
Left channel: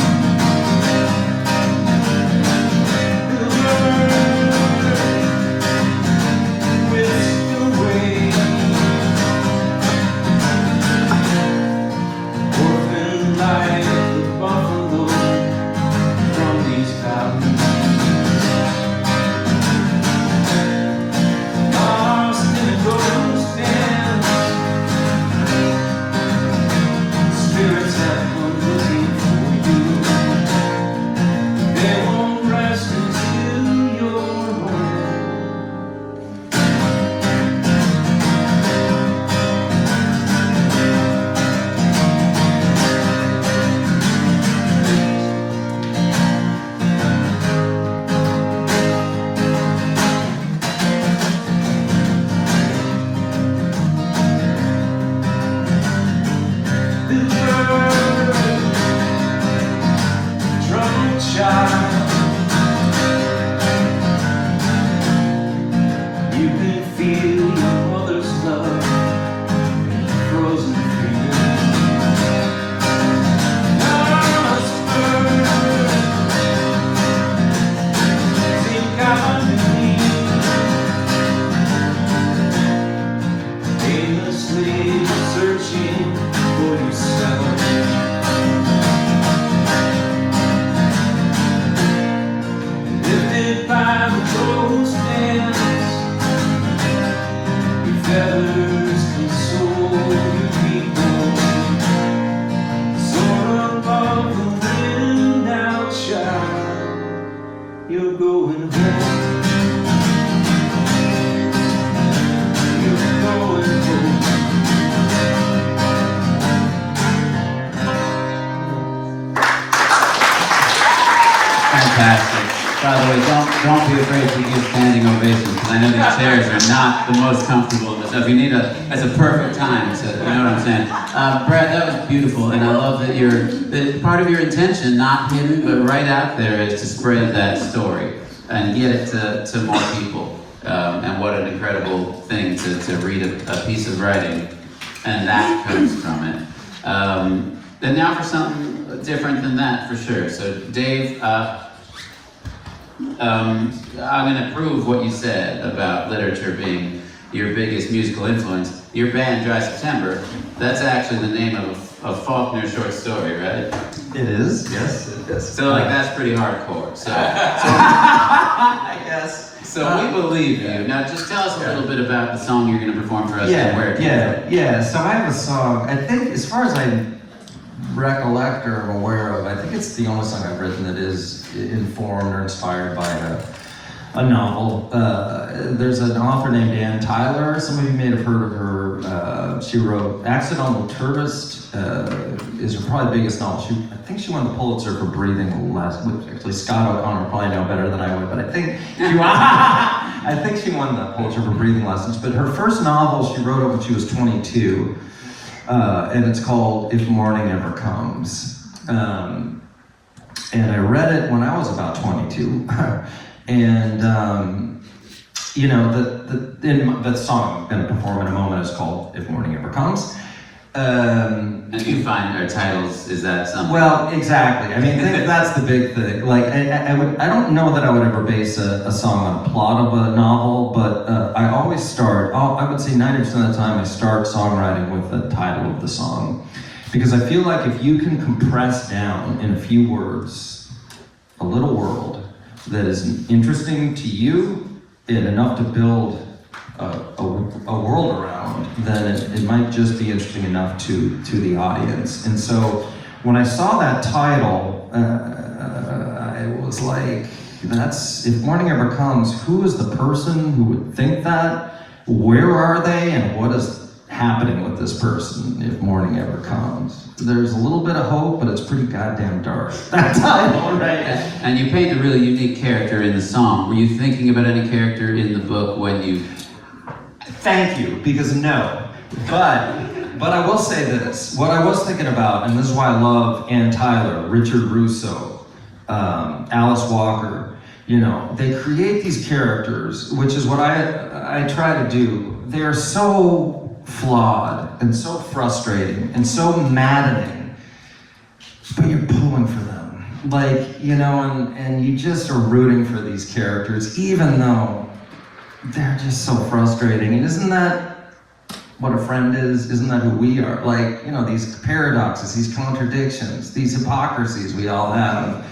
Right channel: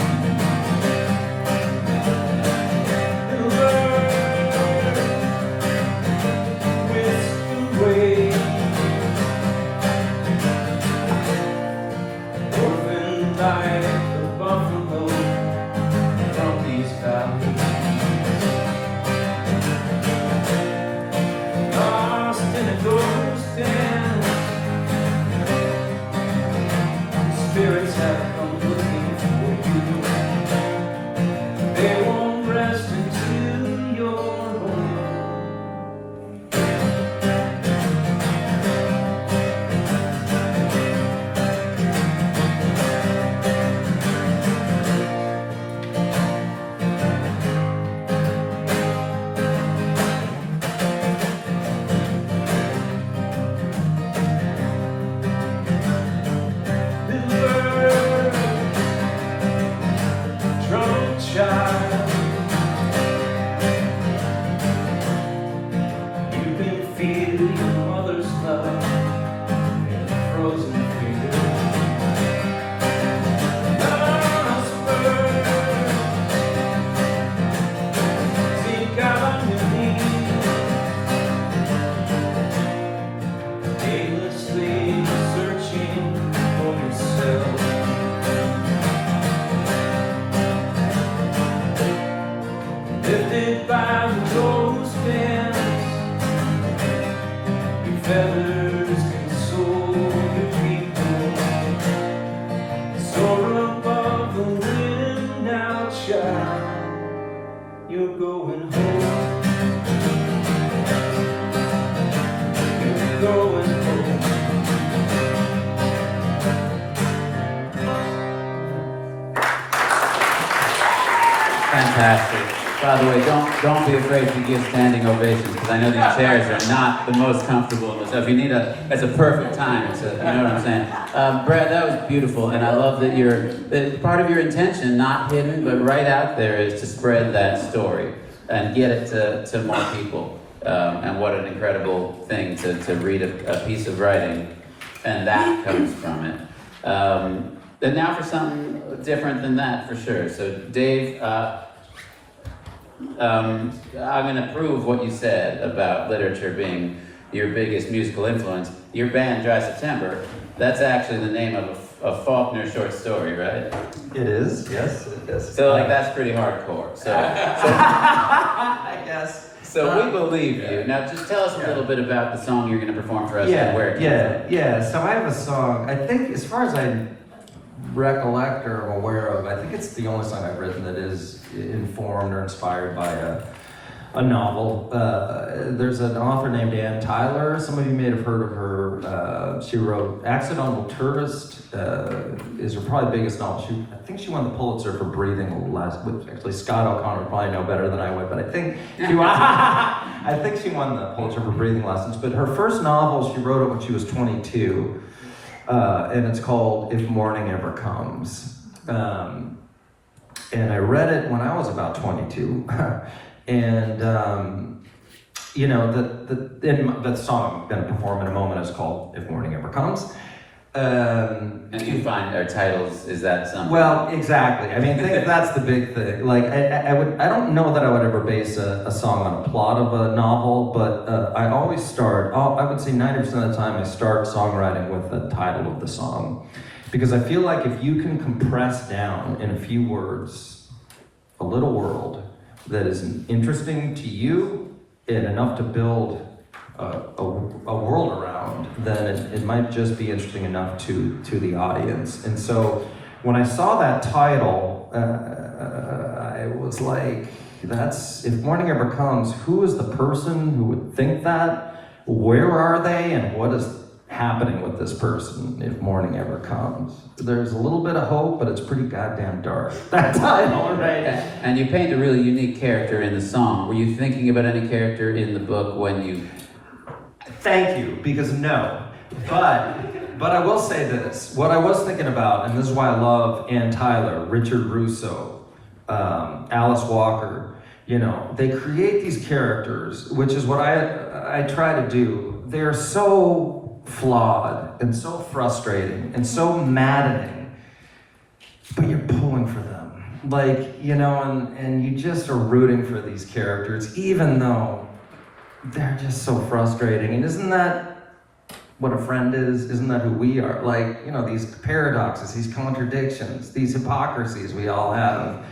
The bird whisked away, orphaned like the buffalo from these valleys. Spirits have come looking for you. They won't rest into your home. You can feel your mother's love in your frozen fingers. Think on your knees, aimlessly searching for yourself. Lifted by the ghost dance, your feathers console your people. Soar above the wind outside, you're going home. You're going home. Fantastic. By the way, don't be afraid to give standing ovations, because I know the chairs are not the most comfortable. So if you need it's a perfect time to, you know what I'm saying? Brad, that was beautiful, and I love that part of your intention, not hidden, but right out there, is to spread that story and get it to more people. And what an incredible thing to read a piece of writing, and that comes from it. And now for something different than that, for sure. So Dave, I'm going to prove what you said about literature being your biggest musical influence. Your band, Dry September, that's actually the name of a Faulkner short story, right? It is, yes, it is. So like that's pretty hardcore. So I guess. So we believe you. Now just tell us a little bit about the song you're going to perform for us and where it came from. Yeah. So I have a song, I think as far as I recollect or am aware of, I think it's the only song I've written that is informed or inspired by a novel. There's an author named Ann Tyler. Some of you may have heard of her. She wrote Accidental Tourist, is her probably biggest novel. I think she won the Pulitzer for Breathing last week. Actually, Scott O'Connor probably know better than I would, but I think she won the Pulitzer for Breathing Lessons. But her first novel, she wrote it when she was 22. And it's called If Morning Ever Comes. And I read it when I was about 22. And, you know, the song I'm going to perform in a moment is called If Morning Ever Comes. And you find our titles, is that something? Well, exactly. I mean, I think that's the big thing. Like, I don't know that I would ever base a song on a plot of a novel, but I always start, I would say 90% of the time I start songwriting with the title of the song. Because I feel like if you can compress down in a few words a little world that is interesting to you and enough to build a world around, then it might just be interesting enough to the audience. And so when I saw that title, I was like, if morning ever comes, who is the person who would think that? Where are they, and what is happening with this person if morning ever comes? There's a little bit of hope, but it's pretty goddamn dark. That's how I know, right? And you paint a really unique character in the song. Were you thinking about any character in the book when you... Thank you, because no. But I will say this. What I was thinking about, and this is why I love Ann Tyler, Richard Russo, Alice Walker, you know, they create these characters, which is what I try to do. They're so flawed and so frustrating and so maddening, but you're pulling for them. Like, you know, and you just are rooting for these characters, even though they're just so frustrating. And isn't that what a friend is? Isn't that who we are? Like, you know, these paradoxes, these contradictions, these hypocrisies we all have.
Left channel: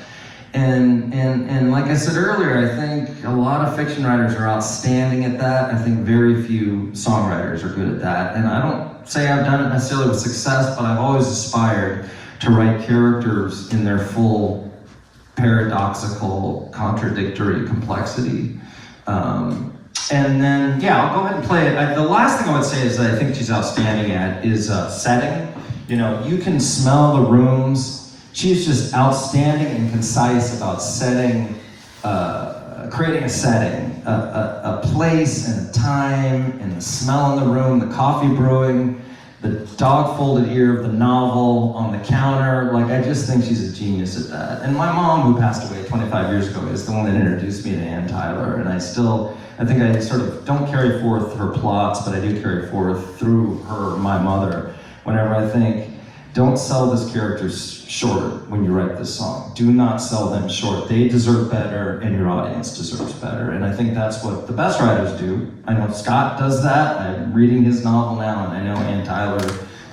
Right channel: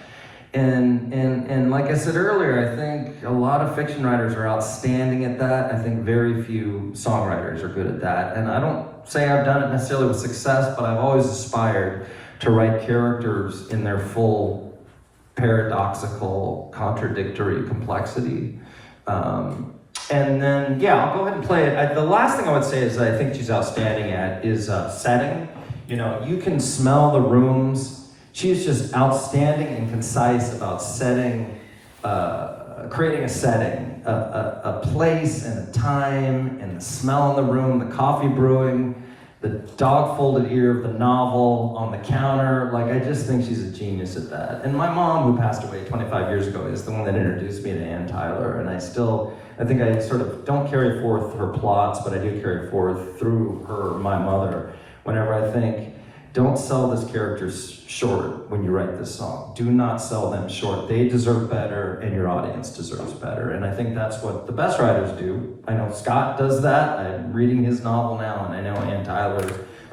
And like I said earlier, I think a lot of fiction writers are outstanding at that. I think very few songwriters are good at that. And I don't say I've done it necessarily with success, but I've always aspired to write characters in their full paradoxical, contradictory complexity. And then, yeah, I'll go ahead and play it. The last thing I would say is that I think she's outstanding at is setting. You know, you can smell the rooms. She's just outstanding and concise about setting, creating a setting, a place and a time, and the smell in the room, the coffee brewing, the dog-folded ear of the novel on the counter. Like, I just think she's a genius at that. And my mom, who passed away 25 years ago, is the one that introduced me to Ann Tyler, and I think I sort of don't carry forth her plots, but I do carry forth through her, my mother, whenever I think, don't sell this character short when you write this song. Do not sell them short. They deserve better, and your audience deserves better. And I think that's what the best writers do. I know Scott does that. I'm reading his novel now, and I know Ann Tyler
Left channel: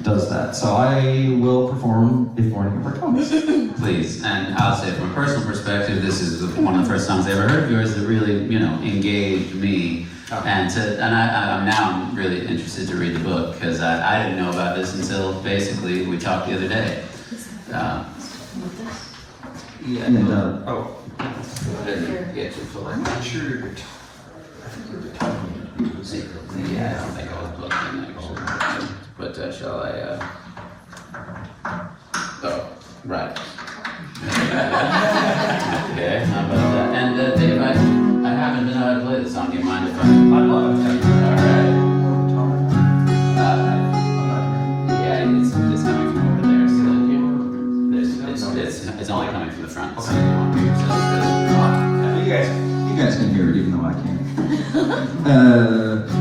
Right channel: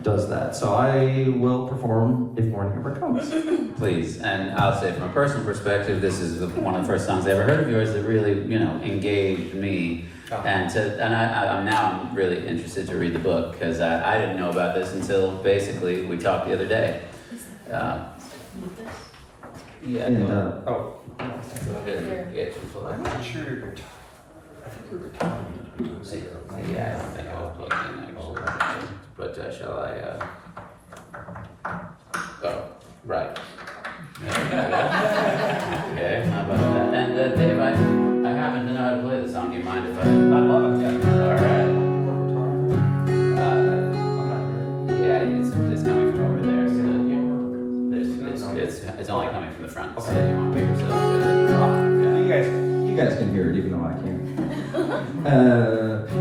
does that. So I will perform If Morning Ever Comes. Please, and I'll say from a personal perspective, this is one of the first songs I ever heard of yours that really, you know, engaged me. And I'm really interested to read the book, because I didn't know about this until basically we talked the other day. Yeah. And, I'm not sure you're good. Yeah, I don't think I was looking actually. But shall I? Oh, right. Okay, how about that? And Dave, I haven't been able to play this song. Do you mind if I? I love it. Yeah. All right. Yeah, it's coming from over there, so it's only coming from the front. So you want to hear You guys can hear it even though I can't.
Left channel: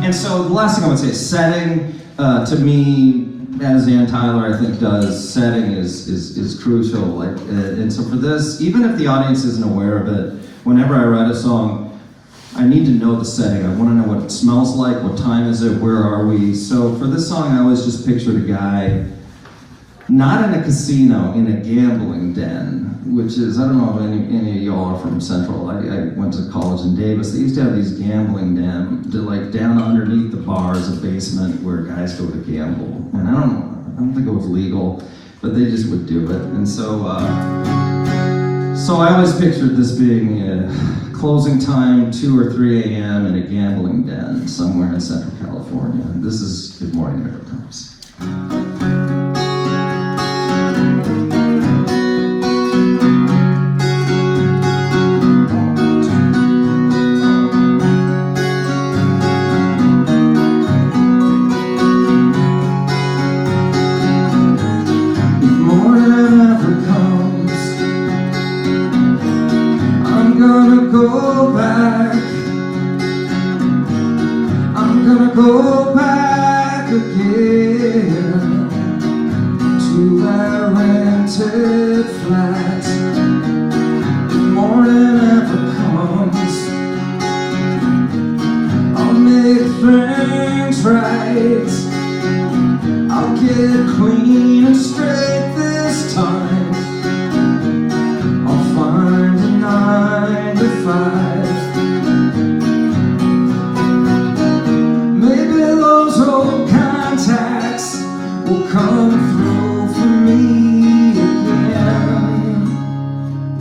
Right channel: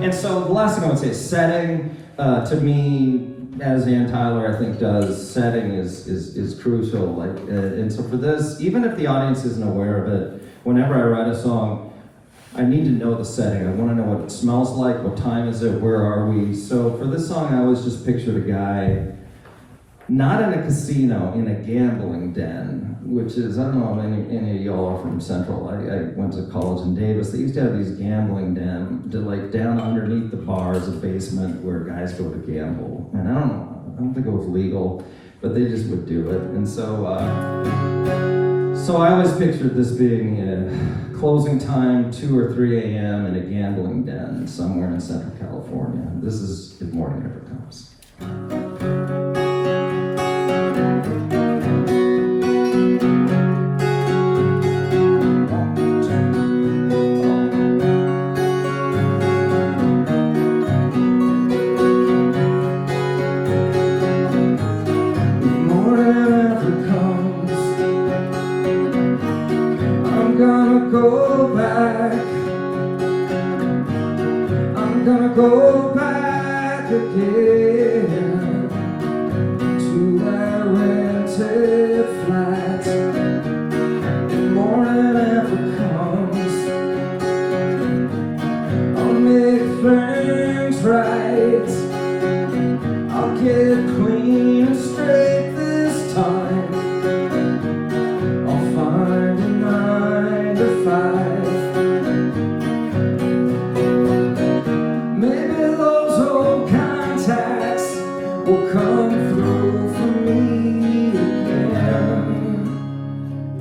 And so the last thing I would say is setting. To me, as Ann Tyler I think does, setting is crucial. Like, and so for this, even if the audience isn't aware of it, whenever I write a song, I need to know the setting. I want to know what it smells like, what time is it, where are we. So for this song, I always just pictured a guy, not in a casino, in a gambling den, which is, I don't know if any of y'all are from Central. I went to college in Davis. They used to have these gambling dens, like down underneath the bar is a basement where guys go to gamble. And I don't think it was legal, but they just would do it. And so I always pictured this being closing time, 2 or 3 a.m. in a gambling den somewhere in Central California. This is If Morning Ever Comes.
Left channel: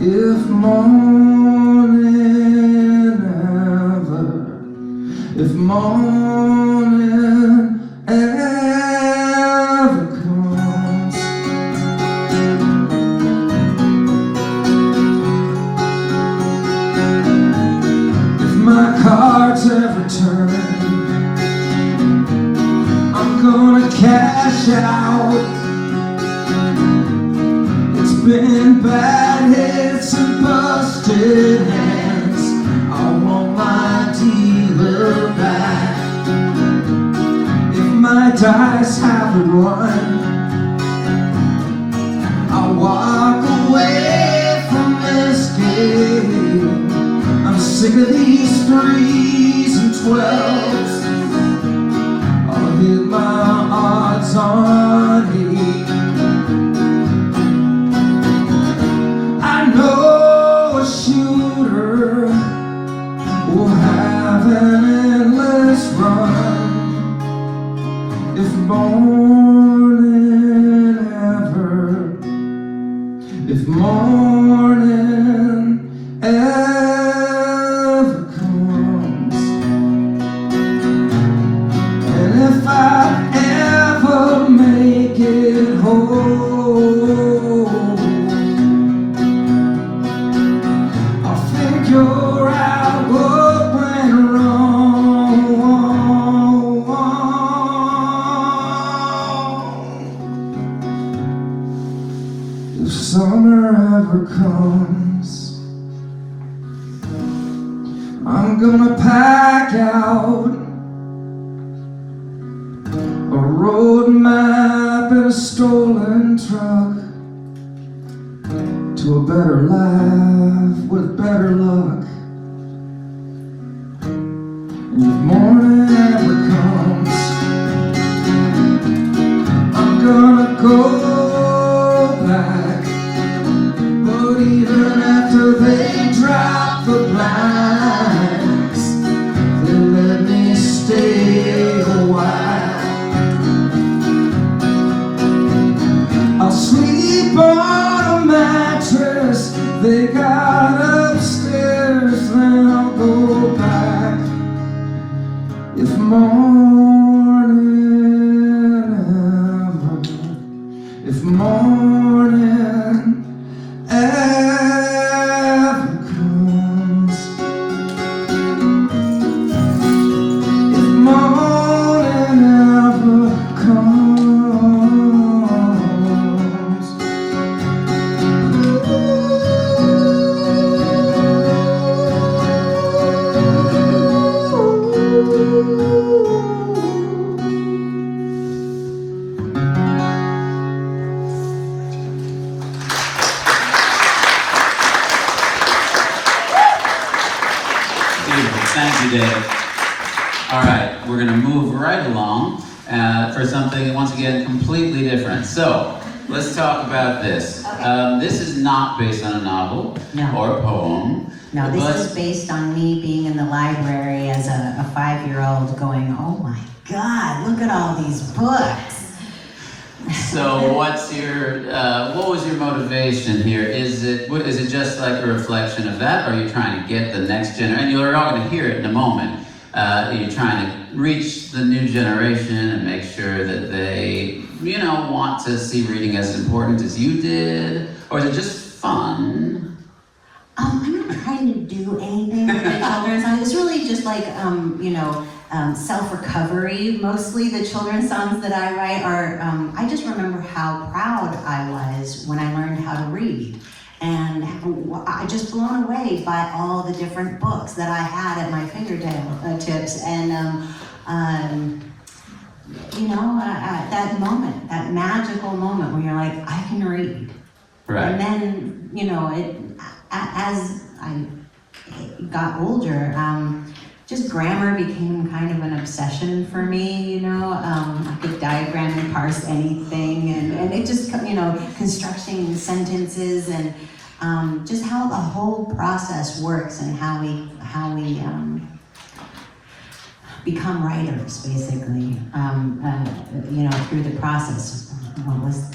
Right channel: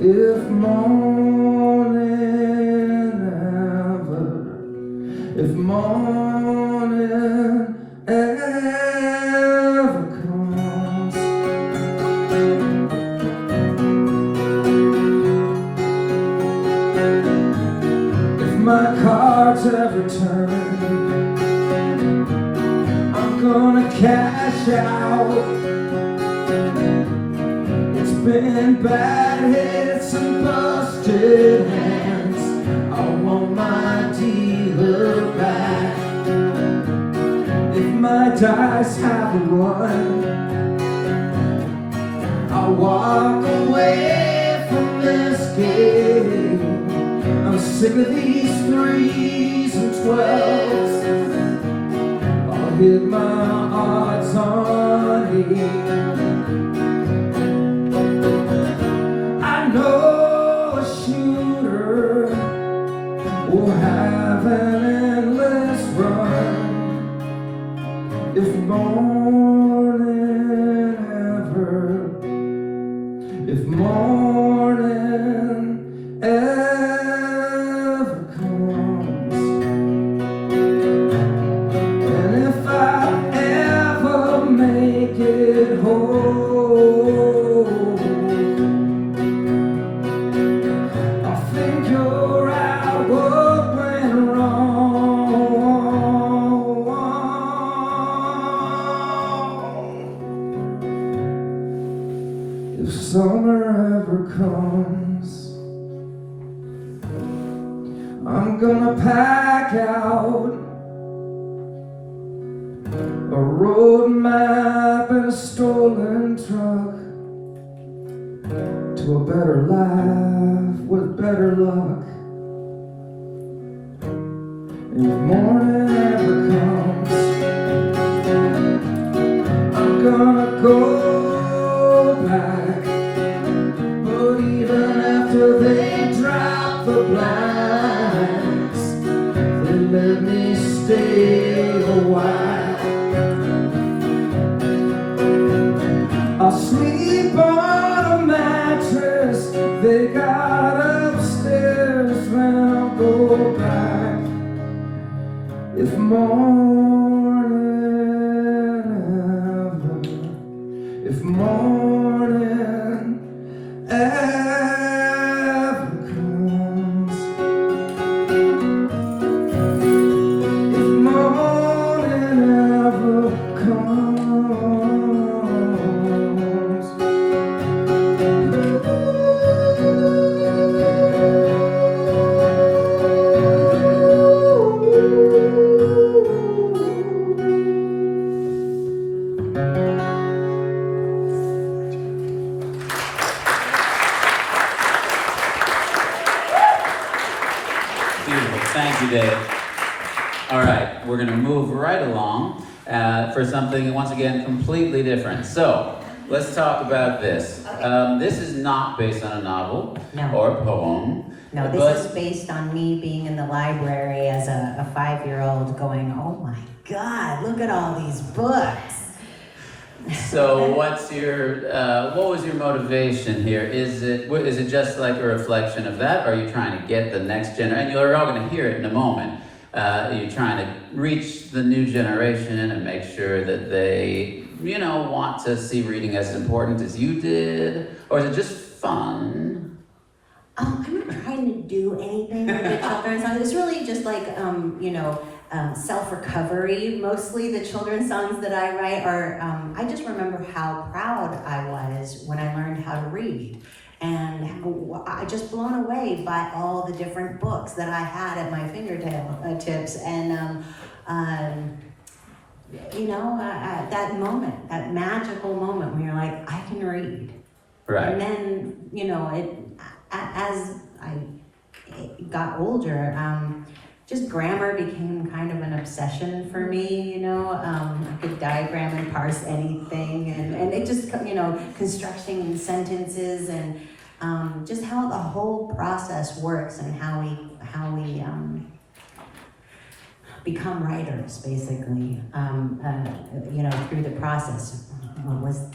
If morning if morning ever comes. If my cards ever turn, I'm gonna cash out. It's been bad hits and busted hands. I want my dealer back. If my dice haven't won, I'll walk away from this game. I'm sick of these 3s and 12s. I'll hit my odds on 8. I know a shooter will have an endless run if morning ever, if morning ever comes. And if I ever make it home, I'll figure out what went wrong. If summer ever comes, I'm gonna pack out a road map and a stolen truck to a better life with better luck. And if morning ever comes, I'm gonna go back. But even after they drop the blinds, they let me stay a while. I'll sleep on a mattress they got upstairs, then I'll go back. If morning ever, if morning ever comes, if morning ever comes. Thank you, Dave. All right, we're going to move right along for something, once again, completely different. So, let's talk about this. Okay. This is not based on a novel No. or a poem. No, but- this is based on me being in the library as a 5-year-old going, oh my God, look at all these books. So what was your motivation here? Is it just like a reflection of that, or are you trying to get the next generation? And you're all going to hear it in a moment. You're trying to reach the new generation and make sure that they, want to see reading as important as you did, or is it just fun? I'm not trying to do anything with the children's songs. It's really just like, self-recovery. Mostly the children's songs that I write are, I just remember how proud I was when I learned how to read. And I just blown away by all the different books that I had at my fingertips. And, that moment, that magical moment when you're like, I can read. Right. And then, as I got older, just grammar became kind of an obsession for me, I could diagram and parse anything, and it just, constructing sentences and just how the whole process works and how we become writers, basically, through the process. what was,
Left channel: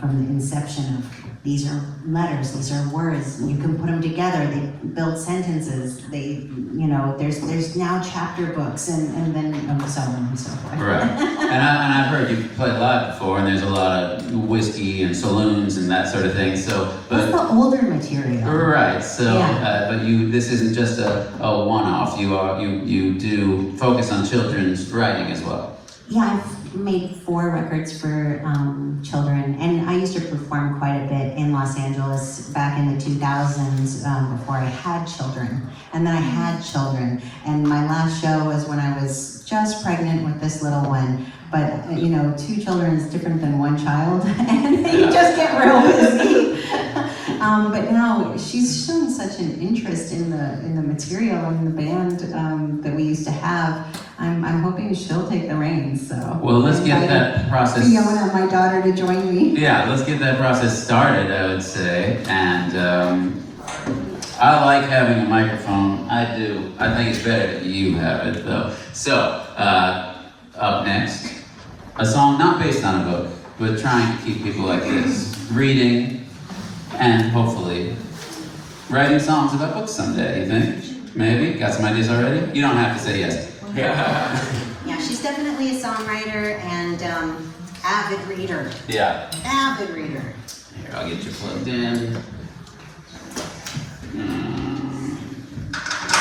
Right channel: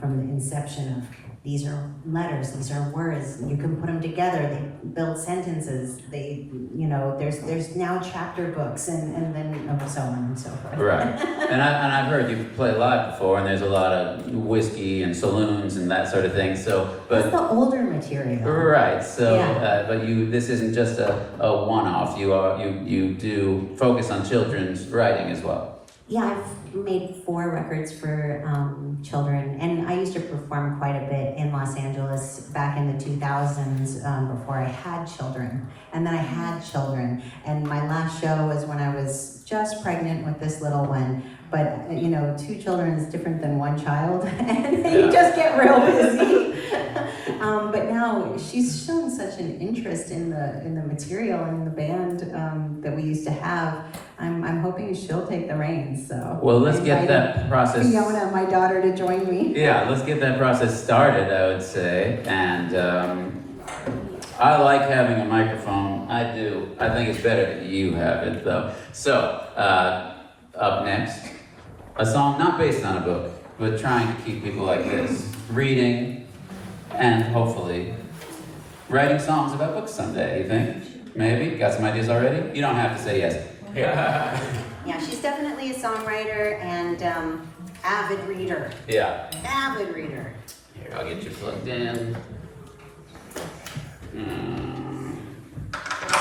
from the inception of these are letters, these are words, you can put them together, they build sentences, there's now chapter books and then so on and so forth. Right. And I've heard you play live before, and there's a lot of whiskey and saloons and that sort of thing. So, That's the older material. Right. So, Yeah. but this isn't just a one-off. You do focus on children's writing as well. Yeah, I've made 4 records for children, and I used to perform quite a bit in Los Angeles back in the 2000s before I had children. And then I had children, and my last show was when I was just pregnant with this little one. But 2 children is different than 1 child, and you just get real busy. But now she's shown such an interest in the material and the band that we used to have. I'm hoping she'll take the reins. So. Well, let's get that process. Fiona, my daughter, to join me. Yeah, let's get that process started, I would say. And I like having a microphone. I do. I think it's better that you have it, though. So, up next, a song not based on a book, but trying to keep people like this reading and hopefully writing songs about books someday, you think? Maybe? Got some ideas already? You don't have to say yes. Yeah, she's definitely a songwriter and avid reader. Yeah. Avid reader. Here, I'll get you plugged in.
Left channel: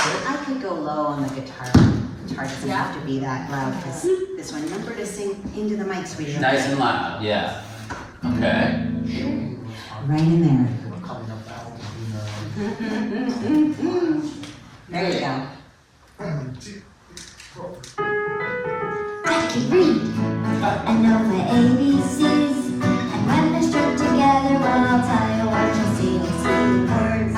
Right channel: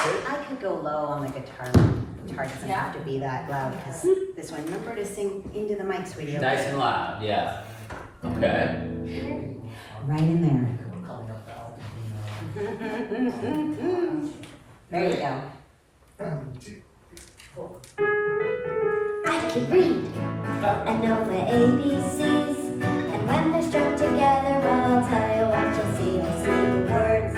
I could go low on the guitar. Guitar doesn't have to be that loud because this one. Remember to sing into the mic, sweetie. Nice and loud, yeah. Okay. Right in there. There you go. I can read, I know the ABCs, and when they're struck together, well, I'll tell you what you'll see. You'll see words,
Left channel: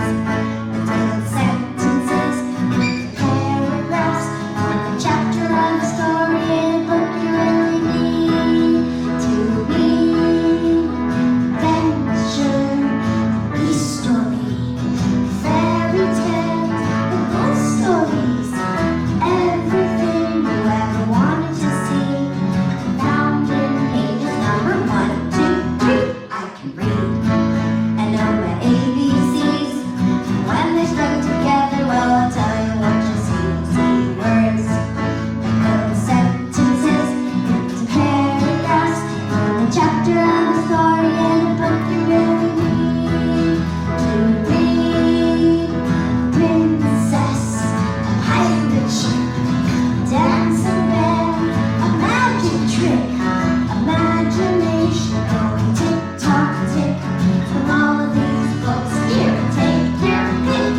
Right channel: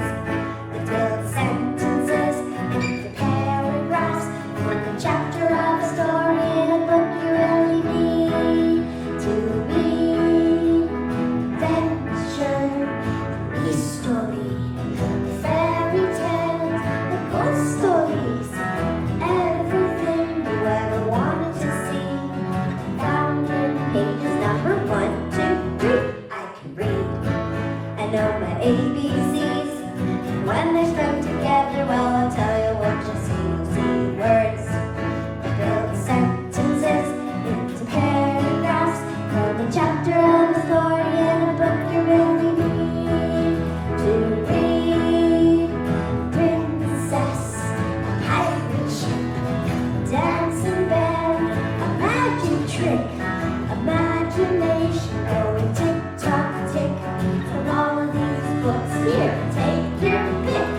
until sentences, into paragraphs, from the chapter of a story in a book you really need to read. Adventure, this story, fairy tales, and ghost stories, everything you ever wanted to see. Mountain pages number 1, 2, 3. I can read. I know my ABCs. And when they struck together, well, I'll tell you what you'll see. You'll see words, and build sentences into paragraphs from the chapter of a story in a book you really need to read. Princess, a pirate ship, dancing bear, a magic trick, imagination going tick-tock tick. From all of these books here, take your pick.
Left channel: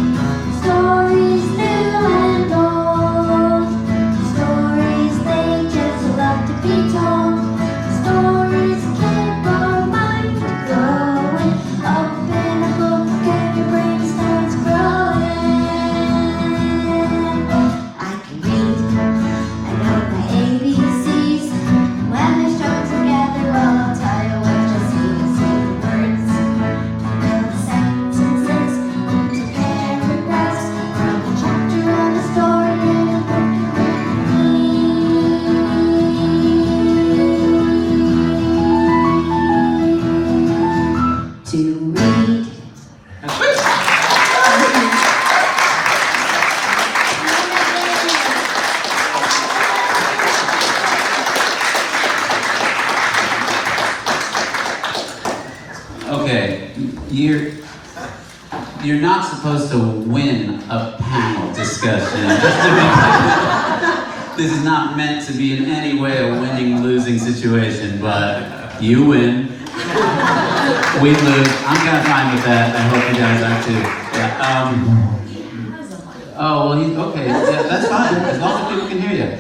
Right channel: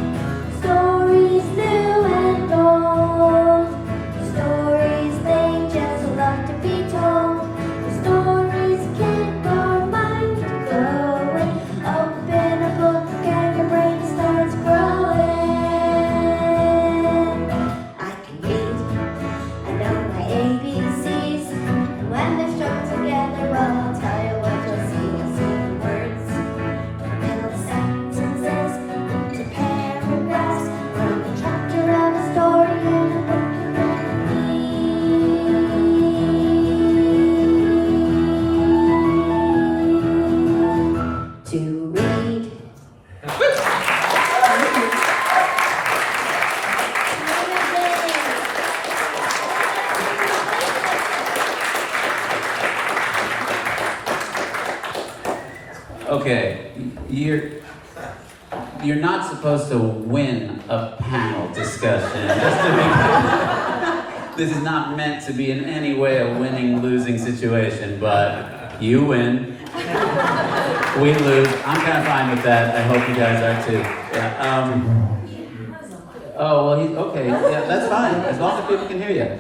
Stories new and old, stories they just love to be told. Stories keep our mind going. Open a book and your brain starts growing. I can read, I know my ABCs. And when they're struck together, well, I'll tell you what you'll see. You'll see words, and build sentences into paragraphs from the chapter of a story in a book you really need to read. Okay, you're not supposed to win a panel discussion. Just to be clear. This is not meant to be in any way a winning-losing situation, but you win, we lose. I'm kind of fine with that. I hope you guys are too. Yeah, oh, well, okay, yeah, that's fine, as long as people can hear you.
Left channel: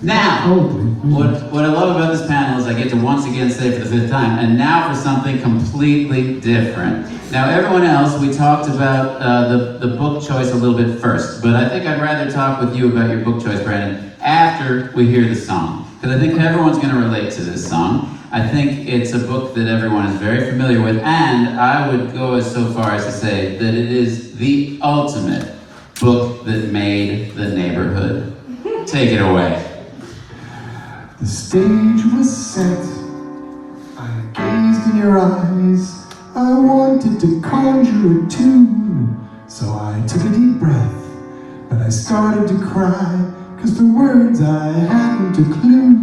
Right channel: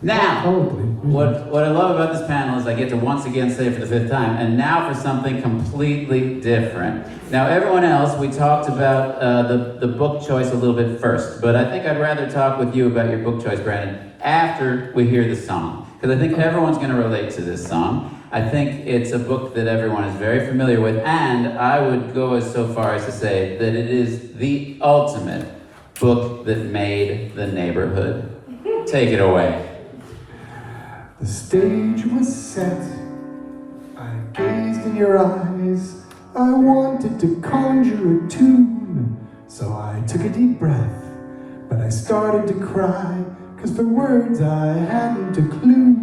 Now, what I love about this panel is I get to once again say for the 5th time, and now for something completely different. Now, everyone else, we talked about the book choice a little bit first, but I think I'd rather talk with you about your book choice, Brandon, after we hear the song. Because I think everyone's going to relate to this song. I think it's a book that everyone is very familiar with, and I would go as so far as to say that it is the ultimate book that made the neighborhood. Take it away. The stage was set. I gazed in your eyes. I wanted to conjure a tune, so I took a deep breath. But I started to cry, 'cause for words I hadn't a clue.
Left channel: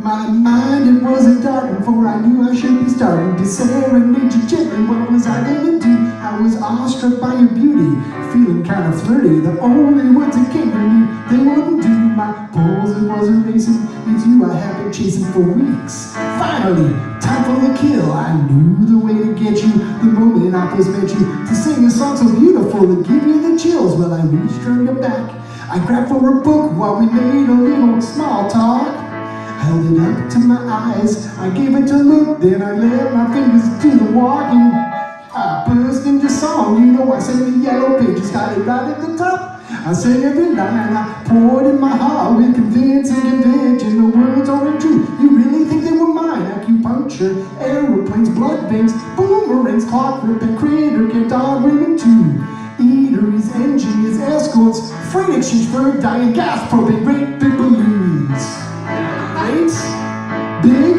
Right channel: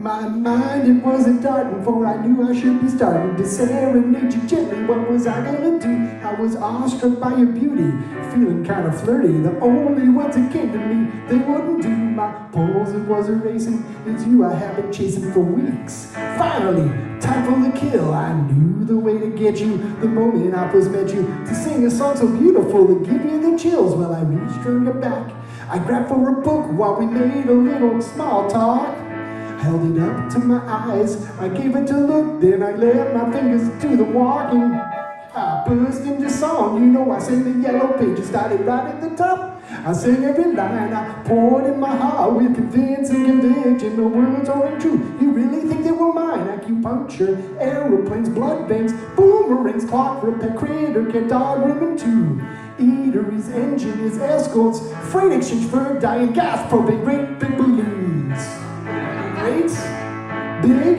My mind, it wasn't dark before I knew I should be starting to serenade you gently. What was I gonna do? I was awestruck by your beauty, feeling kind of flirty. The only words that came to me, they wouldn't do. My pulse, it was erasing. It's you I have been chasing for weeks. Finally, time for the kill. I knew the way to get you the moment I first met you. To sing a song so beautiful to give you the chills. Well, I reached for your back. I grabbed for a book while we made a little small talk. Held it up to my eyes, I gave it a look, then I let my fingers do the walking. I burst into song, you know I sang the yellow pages, started right at the top. I sang every line, I poured in my heart with convincing conviction. The words aren't true, you really think they were mine? Acupuncture, aeroplanes, blood veins, boomerangs, clockwork, and creator kept on ringing too. Eateries, engineers, escorts, freight exchange for dying gas, propane, great big balloons. Great big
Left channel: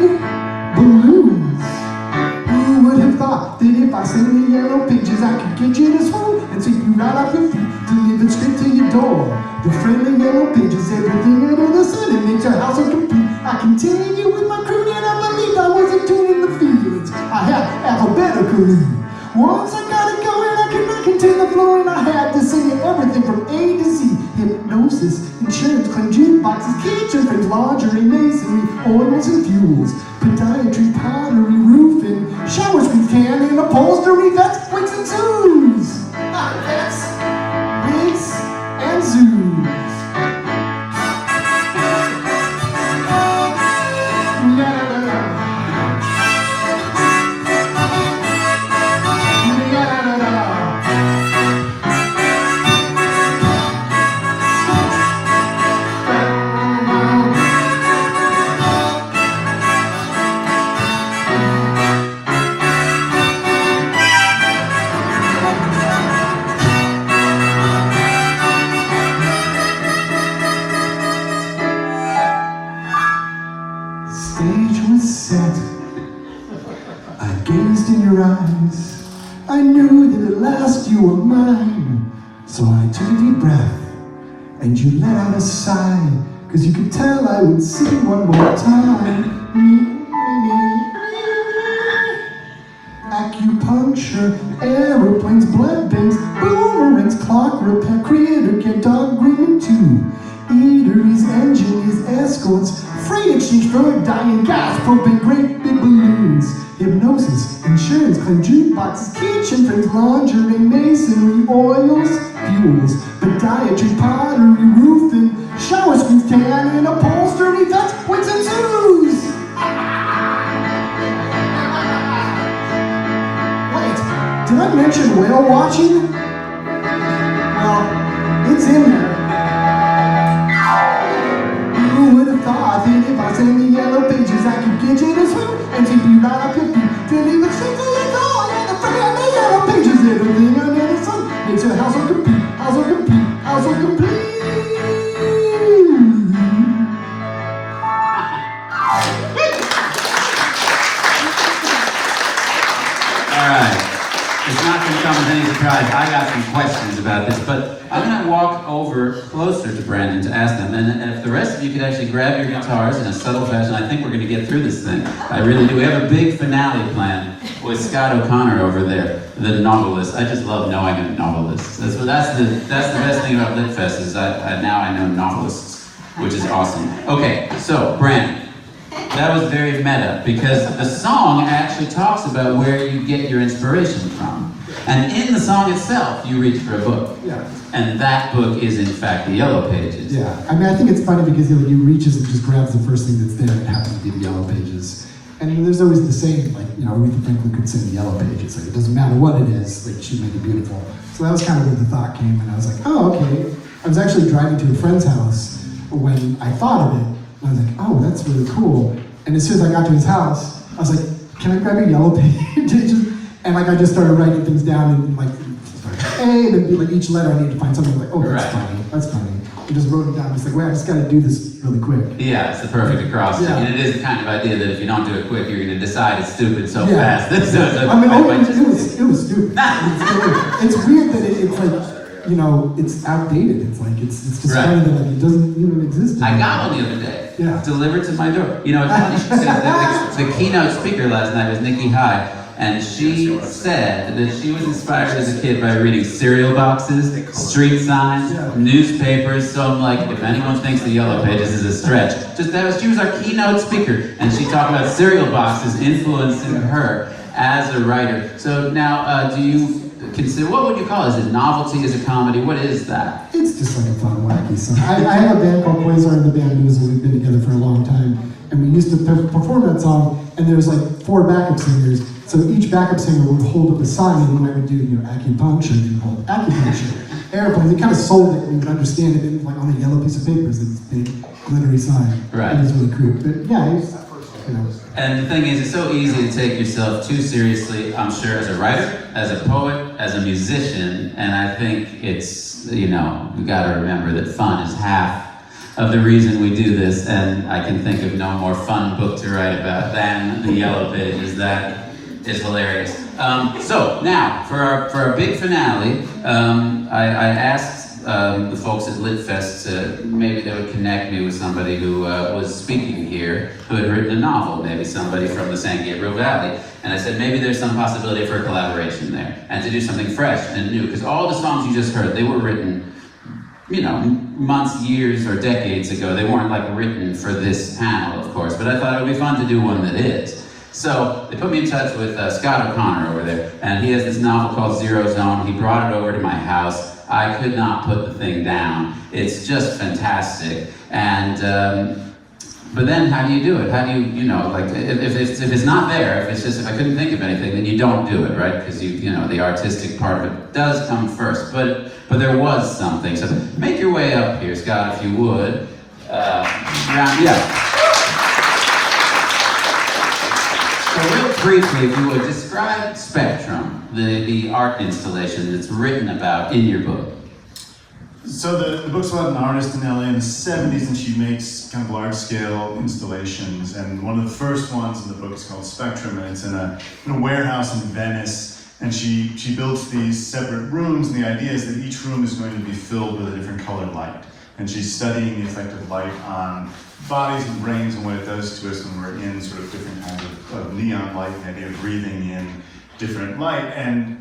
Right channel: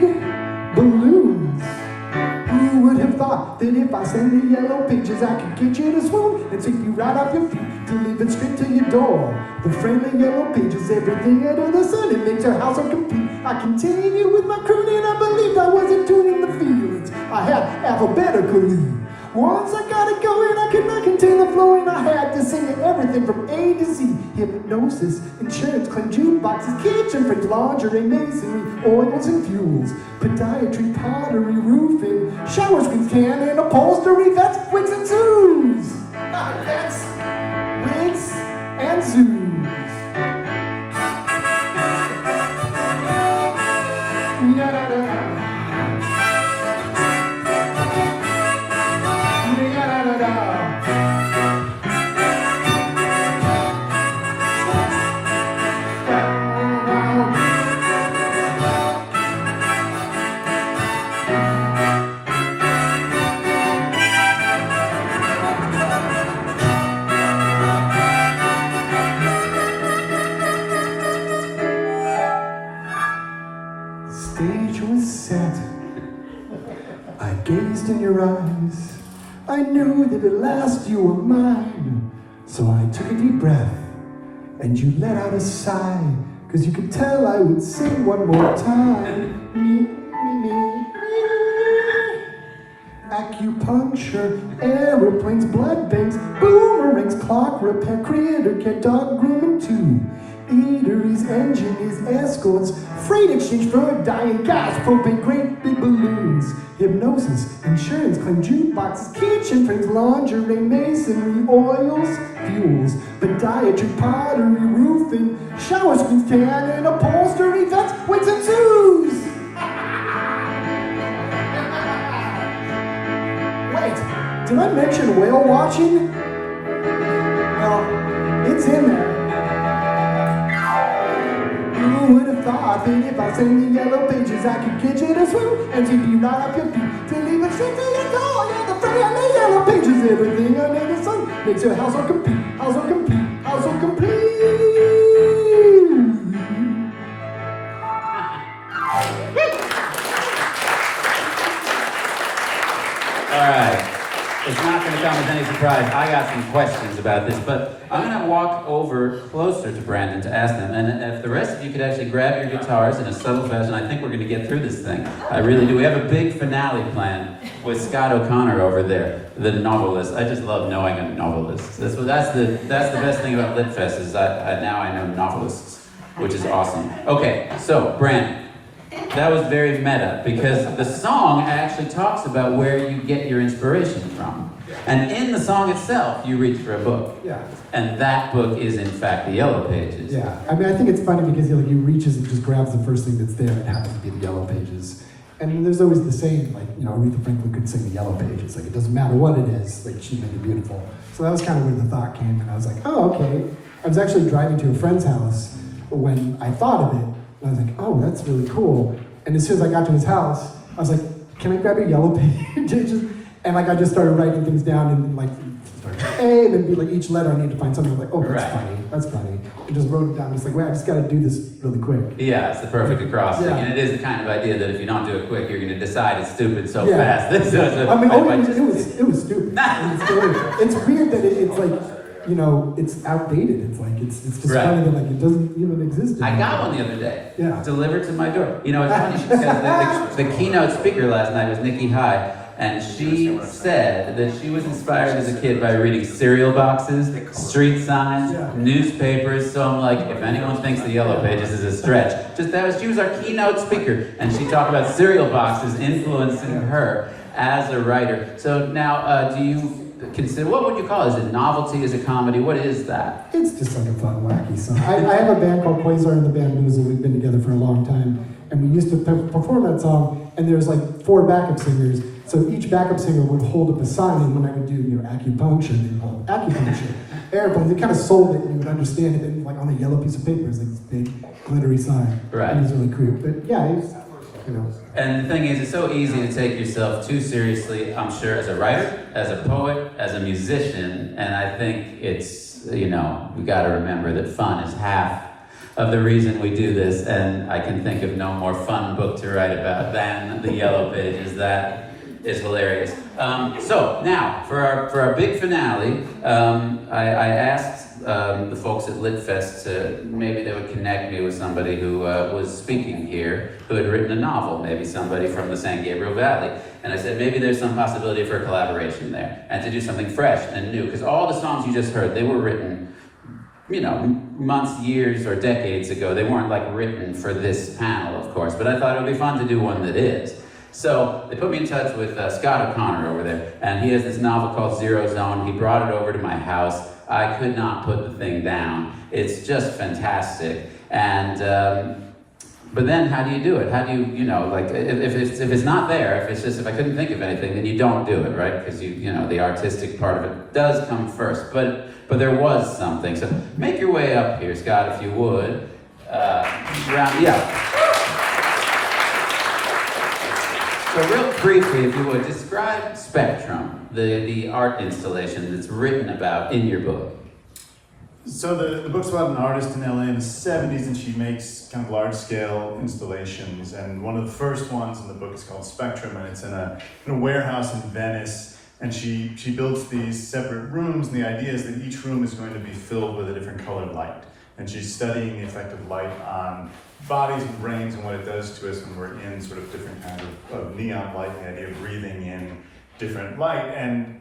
balloons. Who would have thought that if I sang the yellow pages I could get you to swoon and take you right off your feet, delivered straight to your door. The friendly yellow pages, everything under the sun, it makes your house so complete. I continue with my crooning, I believed I wasn't tuning the feelings I had alphabetically. Once I got it going, I could not contain the flow, and I had to sing everything from A to Z. Hypnosis, insurance claim, jukeboxes, kitchen frames, lingerie, masonry, oils and fuels, podiatry, pottery, roofing, shower screens, canning, upholstery, that's wigs and zoos. That's wigs and zoos. La-da-da-da. In your eyes, I knew that at last you were mine. So I took a deep breath, and you let out a sigh, 'cause you could tell I would sing one more time. Acupuncture, aeroplanes, blood banks, boomerangs, clock repair, creator, cat, dog, green too. Eateries, engineers, escorts, freight exchange for dying gas, propane, great big balloons. Hypnosis, insurance claim, jukeboxes, kitchen frames, lingerie, masonry, oils, fuels, podiatry, pottery, roofing, shower screens, canning, upholstery, that's wigs and zoos. Wait, did I mention whale watching? Well, it's in there. Who would have thought that if I sang the yellow pages I could get you to swim and take you right up your feet till even straight to your door and the front of the yellow pages, everything under the sun makes your house so complete, house so complete, house so complete. All right. It's not going to come as any surprise. I got some questions about this, but I'm going to walk over closer to Brandon to ask them. And if the rest of you could actually grab your guitars in a subtle fashion, I think we're going to get through this thing. I really do. We have a big finale planned with Scott O'Connor over there, the novelist. I just love knowing a novelist. That's the best thing about LitFest is now I know novelists, which is awesome. Okay, so Brandon. That was very meta, because the song actually talks about where you get your inspiration from. And in the song itself, you reach for a book. Yeah. And that book is, in fact, the Yellow Pages. Yeah, I mean, I think it's funny because he reaches and just grabs the first thing that's there, and it happens to be the Yellow Pages. And there's always the same, like, Aretha Franklin could sing the Yellow Pages. Like, it doesn't matter what it is, like, she'd make it beautiful. So that was kind of where the thought came, and I was like, oh, okay. I was actually driving to a friend's house when I thought of it, and I was like, oh, that's really cool. And as soon as I got to his house, I was like, can I grab your Yellow Pages? And like, I just started writing things down and like, A, and then like each letter I need to find something like, oh, that's Right. funny, that's funny. I just wrote it down, just like, wait, I just gotta do this really quick. Yeah, it's the perfect acrostic, Yeah. and it is the kind of idea that if you don't do it quick, you're going to decide it's stupid so Yeah. fast. So I mean, by it just- was stupid. It's weird that it's like, you know, it's outdated. It's like, it's just Right. funny that like it doesn't even exist I anymore. got one the other day, Yeah. delivered to my door. You know, it's funny, she said that the keynote speaker last night was Nikki High, and she said that she was inspired as a kid by reading cereal boxes, street signs, Yeah. newspapers. So I'm like, if anyone thinks the Yellow Pages is a stretch, she was our keynote speaker, and she talked about cereal boxes influencing her as a writer. So now, do you consider, what would you call it? Is it novelty? Is it comedy? What is that? It's just like a fun, wacky song. I have a band called Quasar and the band Moozle. We've been together for a long time, and we used to perform that song. And there's like 4 backup singers. So each backup singer would hold up a sign, and when I would do, you know, acupuncture, they would hold acupuncture. Airplanes. It kind of sold it. We would understand it in, like on a yellow piece of paper. It's like this big glittery sign. Right. It was really cool. But yeah, it's, you know. And the thing is, it's so easy to take yourself too seriously, I'm sure, as a writer, as a poet, as a musician, and I think it's, you know, we gotta remember that fun is half of the reason we do this, and I can think of no more fun book to write about than The Yellow Pages. That is hilarious. So now, for our big finale, I asked the folks at LitFest to, maybe they would connect me with somebody who was speaking here, who had written a novel, maybe somebody from the San Gabriel Valley. And I said, maybe there's some possibility for a collaboration there, and to do something fresh and new, because all the songs you just heard, they were written, you know, months, years, or decades ago. They weren't like written for this panel, of course, but I thought it would be fun to do one that is. So they put me in touch with Scott O'Connor over there, and he has this novel called Zero Zone. He brought it over to my house. I could not put the thing down. It's just fantastic. And but then how do you do it? How do you know, like, if it's not there, if I couldn't think of anything, then you don't do it, right? Because you know, the artistic part of it does come first. But there was something. So make your way up here, Scott, if you would. Yeah. So real briefly, if you would, describe Spectrum, the art installation that's written about in your book. So the book's about an artist in LA in the 70s, and she makes kind of large-scale installations. And one of the first ones in the book is called Spectrum, and it's in a warehouse in Venice. And she builds these separate rooms, and the idea is that each room is going to be filled with a different colored light. And she's studying the effect of light on bodies and brains and what it does to us when we're in sort of different kinds of neon light, and the idea of breathing in different light. And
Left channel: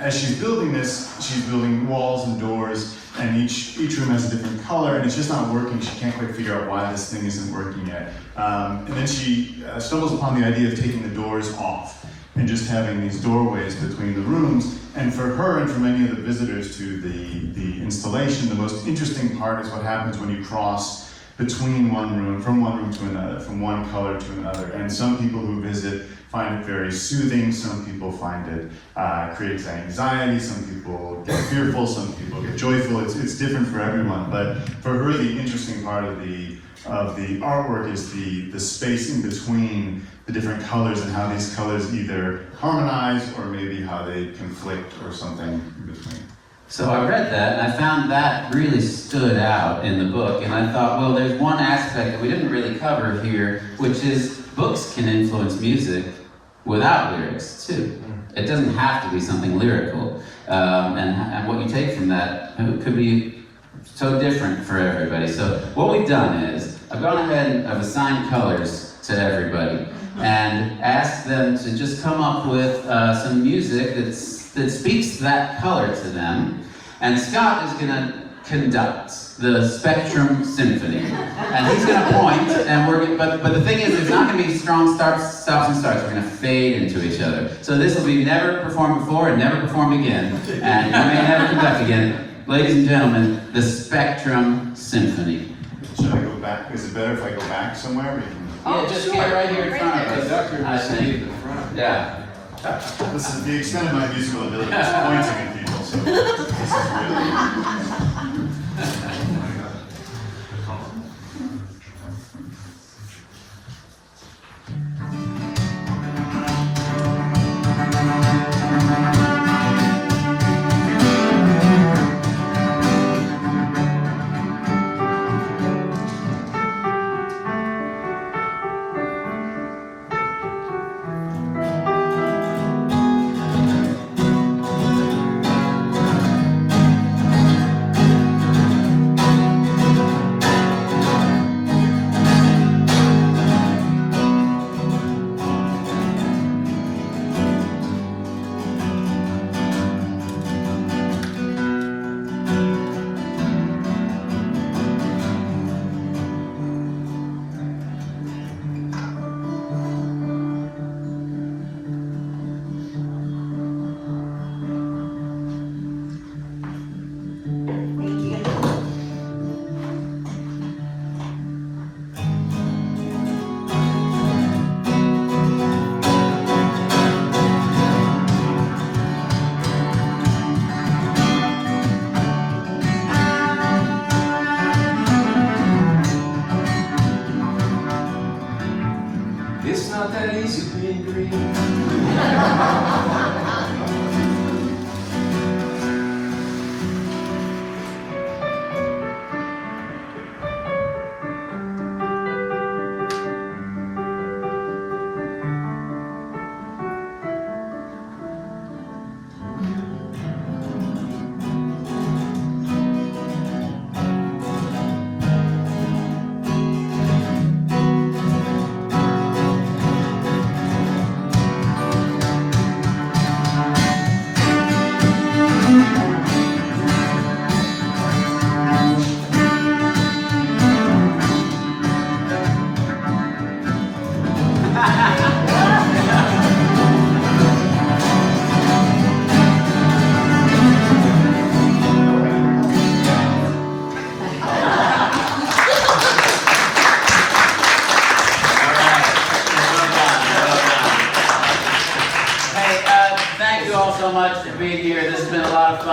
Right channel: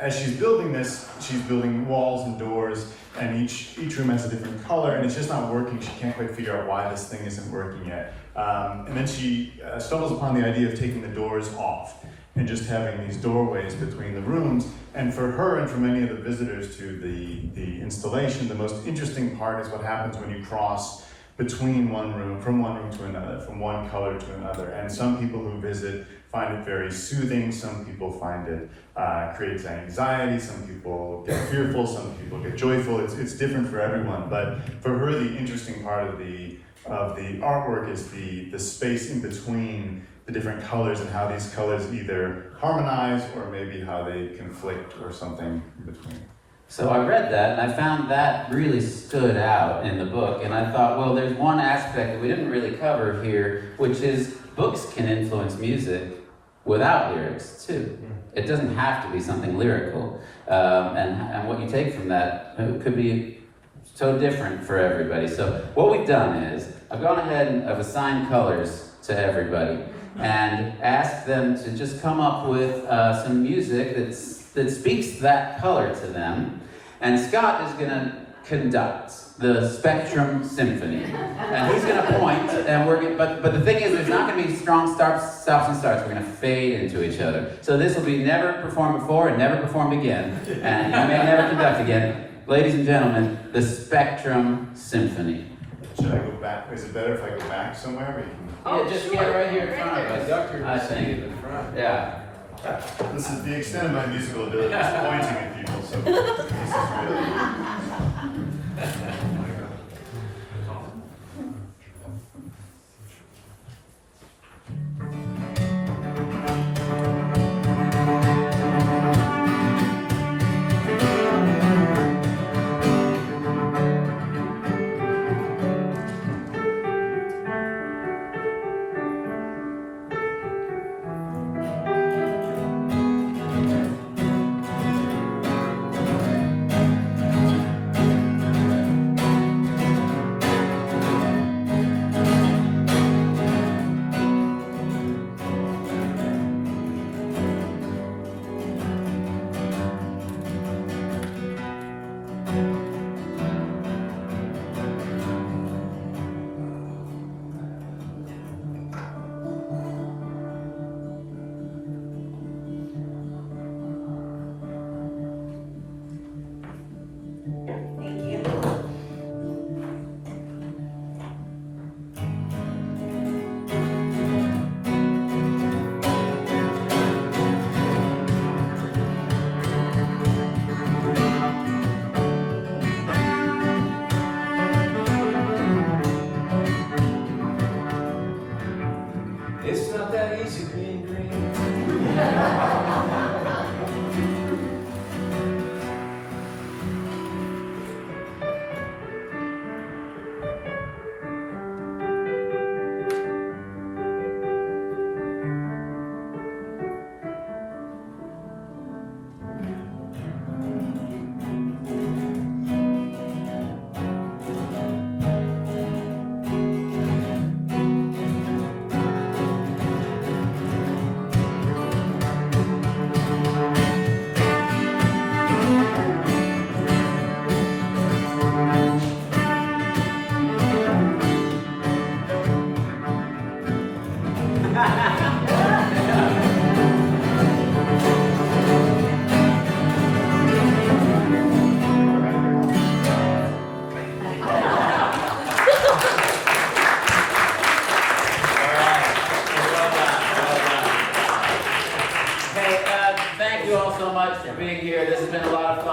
as she's building this, she's building walls and doors, and each room has a different color, and it's just not working. She can't quite figure out why this thing isn't working yet. And then she stumbles upon the idea of taking the doors off and just having these doorways between the rooms. And for her and for many of the visitors to the installation, the most interesting part is what happens when you cross between one room, from one room to another, from one color to another. And some people who visit find it very soothing, some people find it creates anxiety, some people get fearful, some people get joyful. It's different for everyone, but for her the interesting part of the artwork is the space in between the different colors, and how these colors either harmonize or maybe how they conflict or something in between. So I read that, and I found that really stood out in the book, and I thought, well, there's one aspect that we didn't really cover here, which is books can influence music without lyrics, too. It doesn't have to be something lyrical, and what you take from that could be so different for everybody. So what we've done is, I've gone ahead and I've assigned colors to everybody, and asked them to just come up with some music that speaks that color to them. And Scott is going to conduct the Spectrum Symphony, and he's going to point, and but the thing is, there's not going to be strong stops and starts. We're going to fade into each other. So this will be never performed before and never performed again, and you may never conduct again. Ladies and gentlemen, the Spectrum Symphony. Should I go back? Is it better if I go back somewhere? Yeah, just get right here in front of us. Conductor I will see think. at the front. Yeah. This is the extent of my musical ability, is pointing at people, so this is really...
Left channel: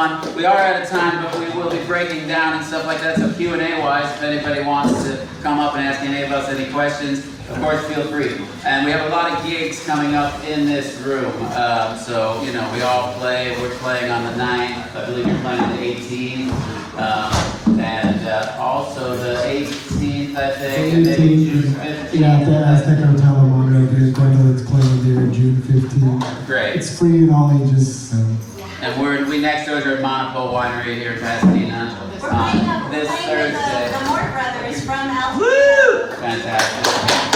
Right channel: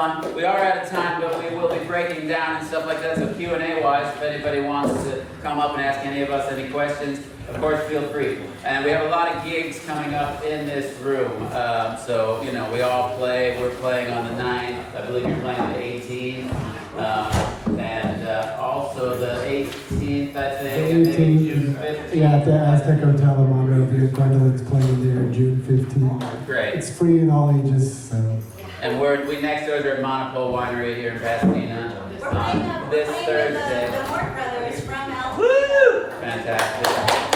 fun. We are out of time, but we will be breaking down and stuff like that. So Q&A wise, if anybody wants to come up and ask any of us any questions, of course, feel free. And we have a lot of gigs coming up in this room. So, you know, we all play. We're playing on the 9th. I believe you're playing on the 18th. And also the 18th, I think. And maybe June 15th. Yeah, at the Aztec Hotel in Monrovia. Gwendolyn's playing there June 15th. Great. It's free in all ages, so. And we Nextdoors are at Monopole Winery here in Pasadena. This Thursday. The Moore brothers from Altadena. Woo! Fantastic.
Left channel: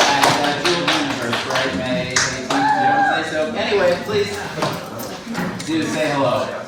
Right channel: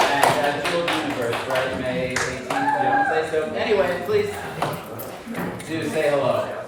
And June 21st, right? May 18th. So anyway, please do say hello.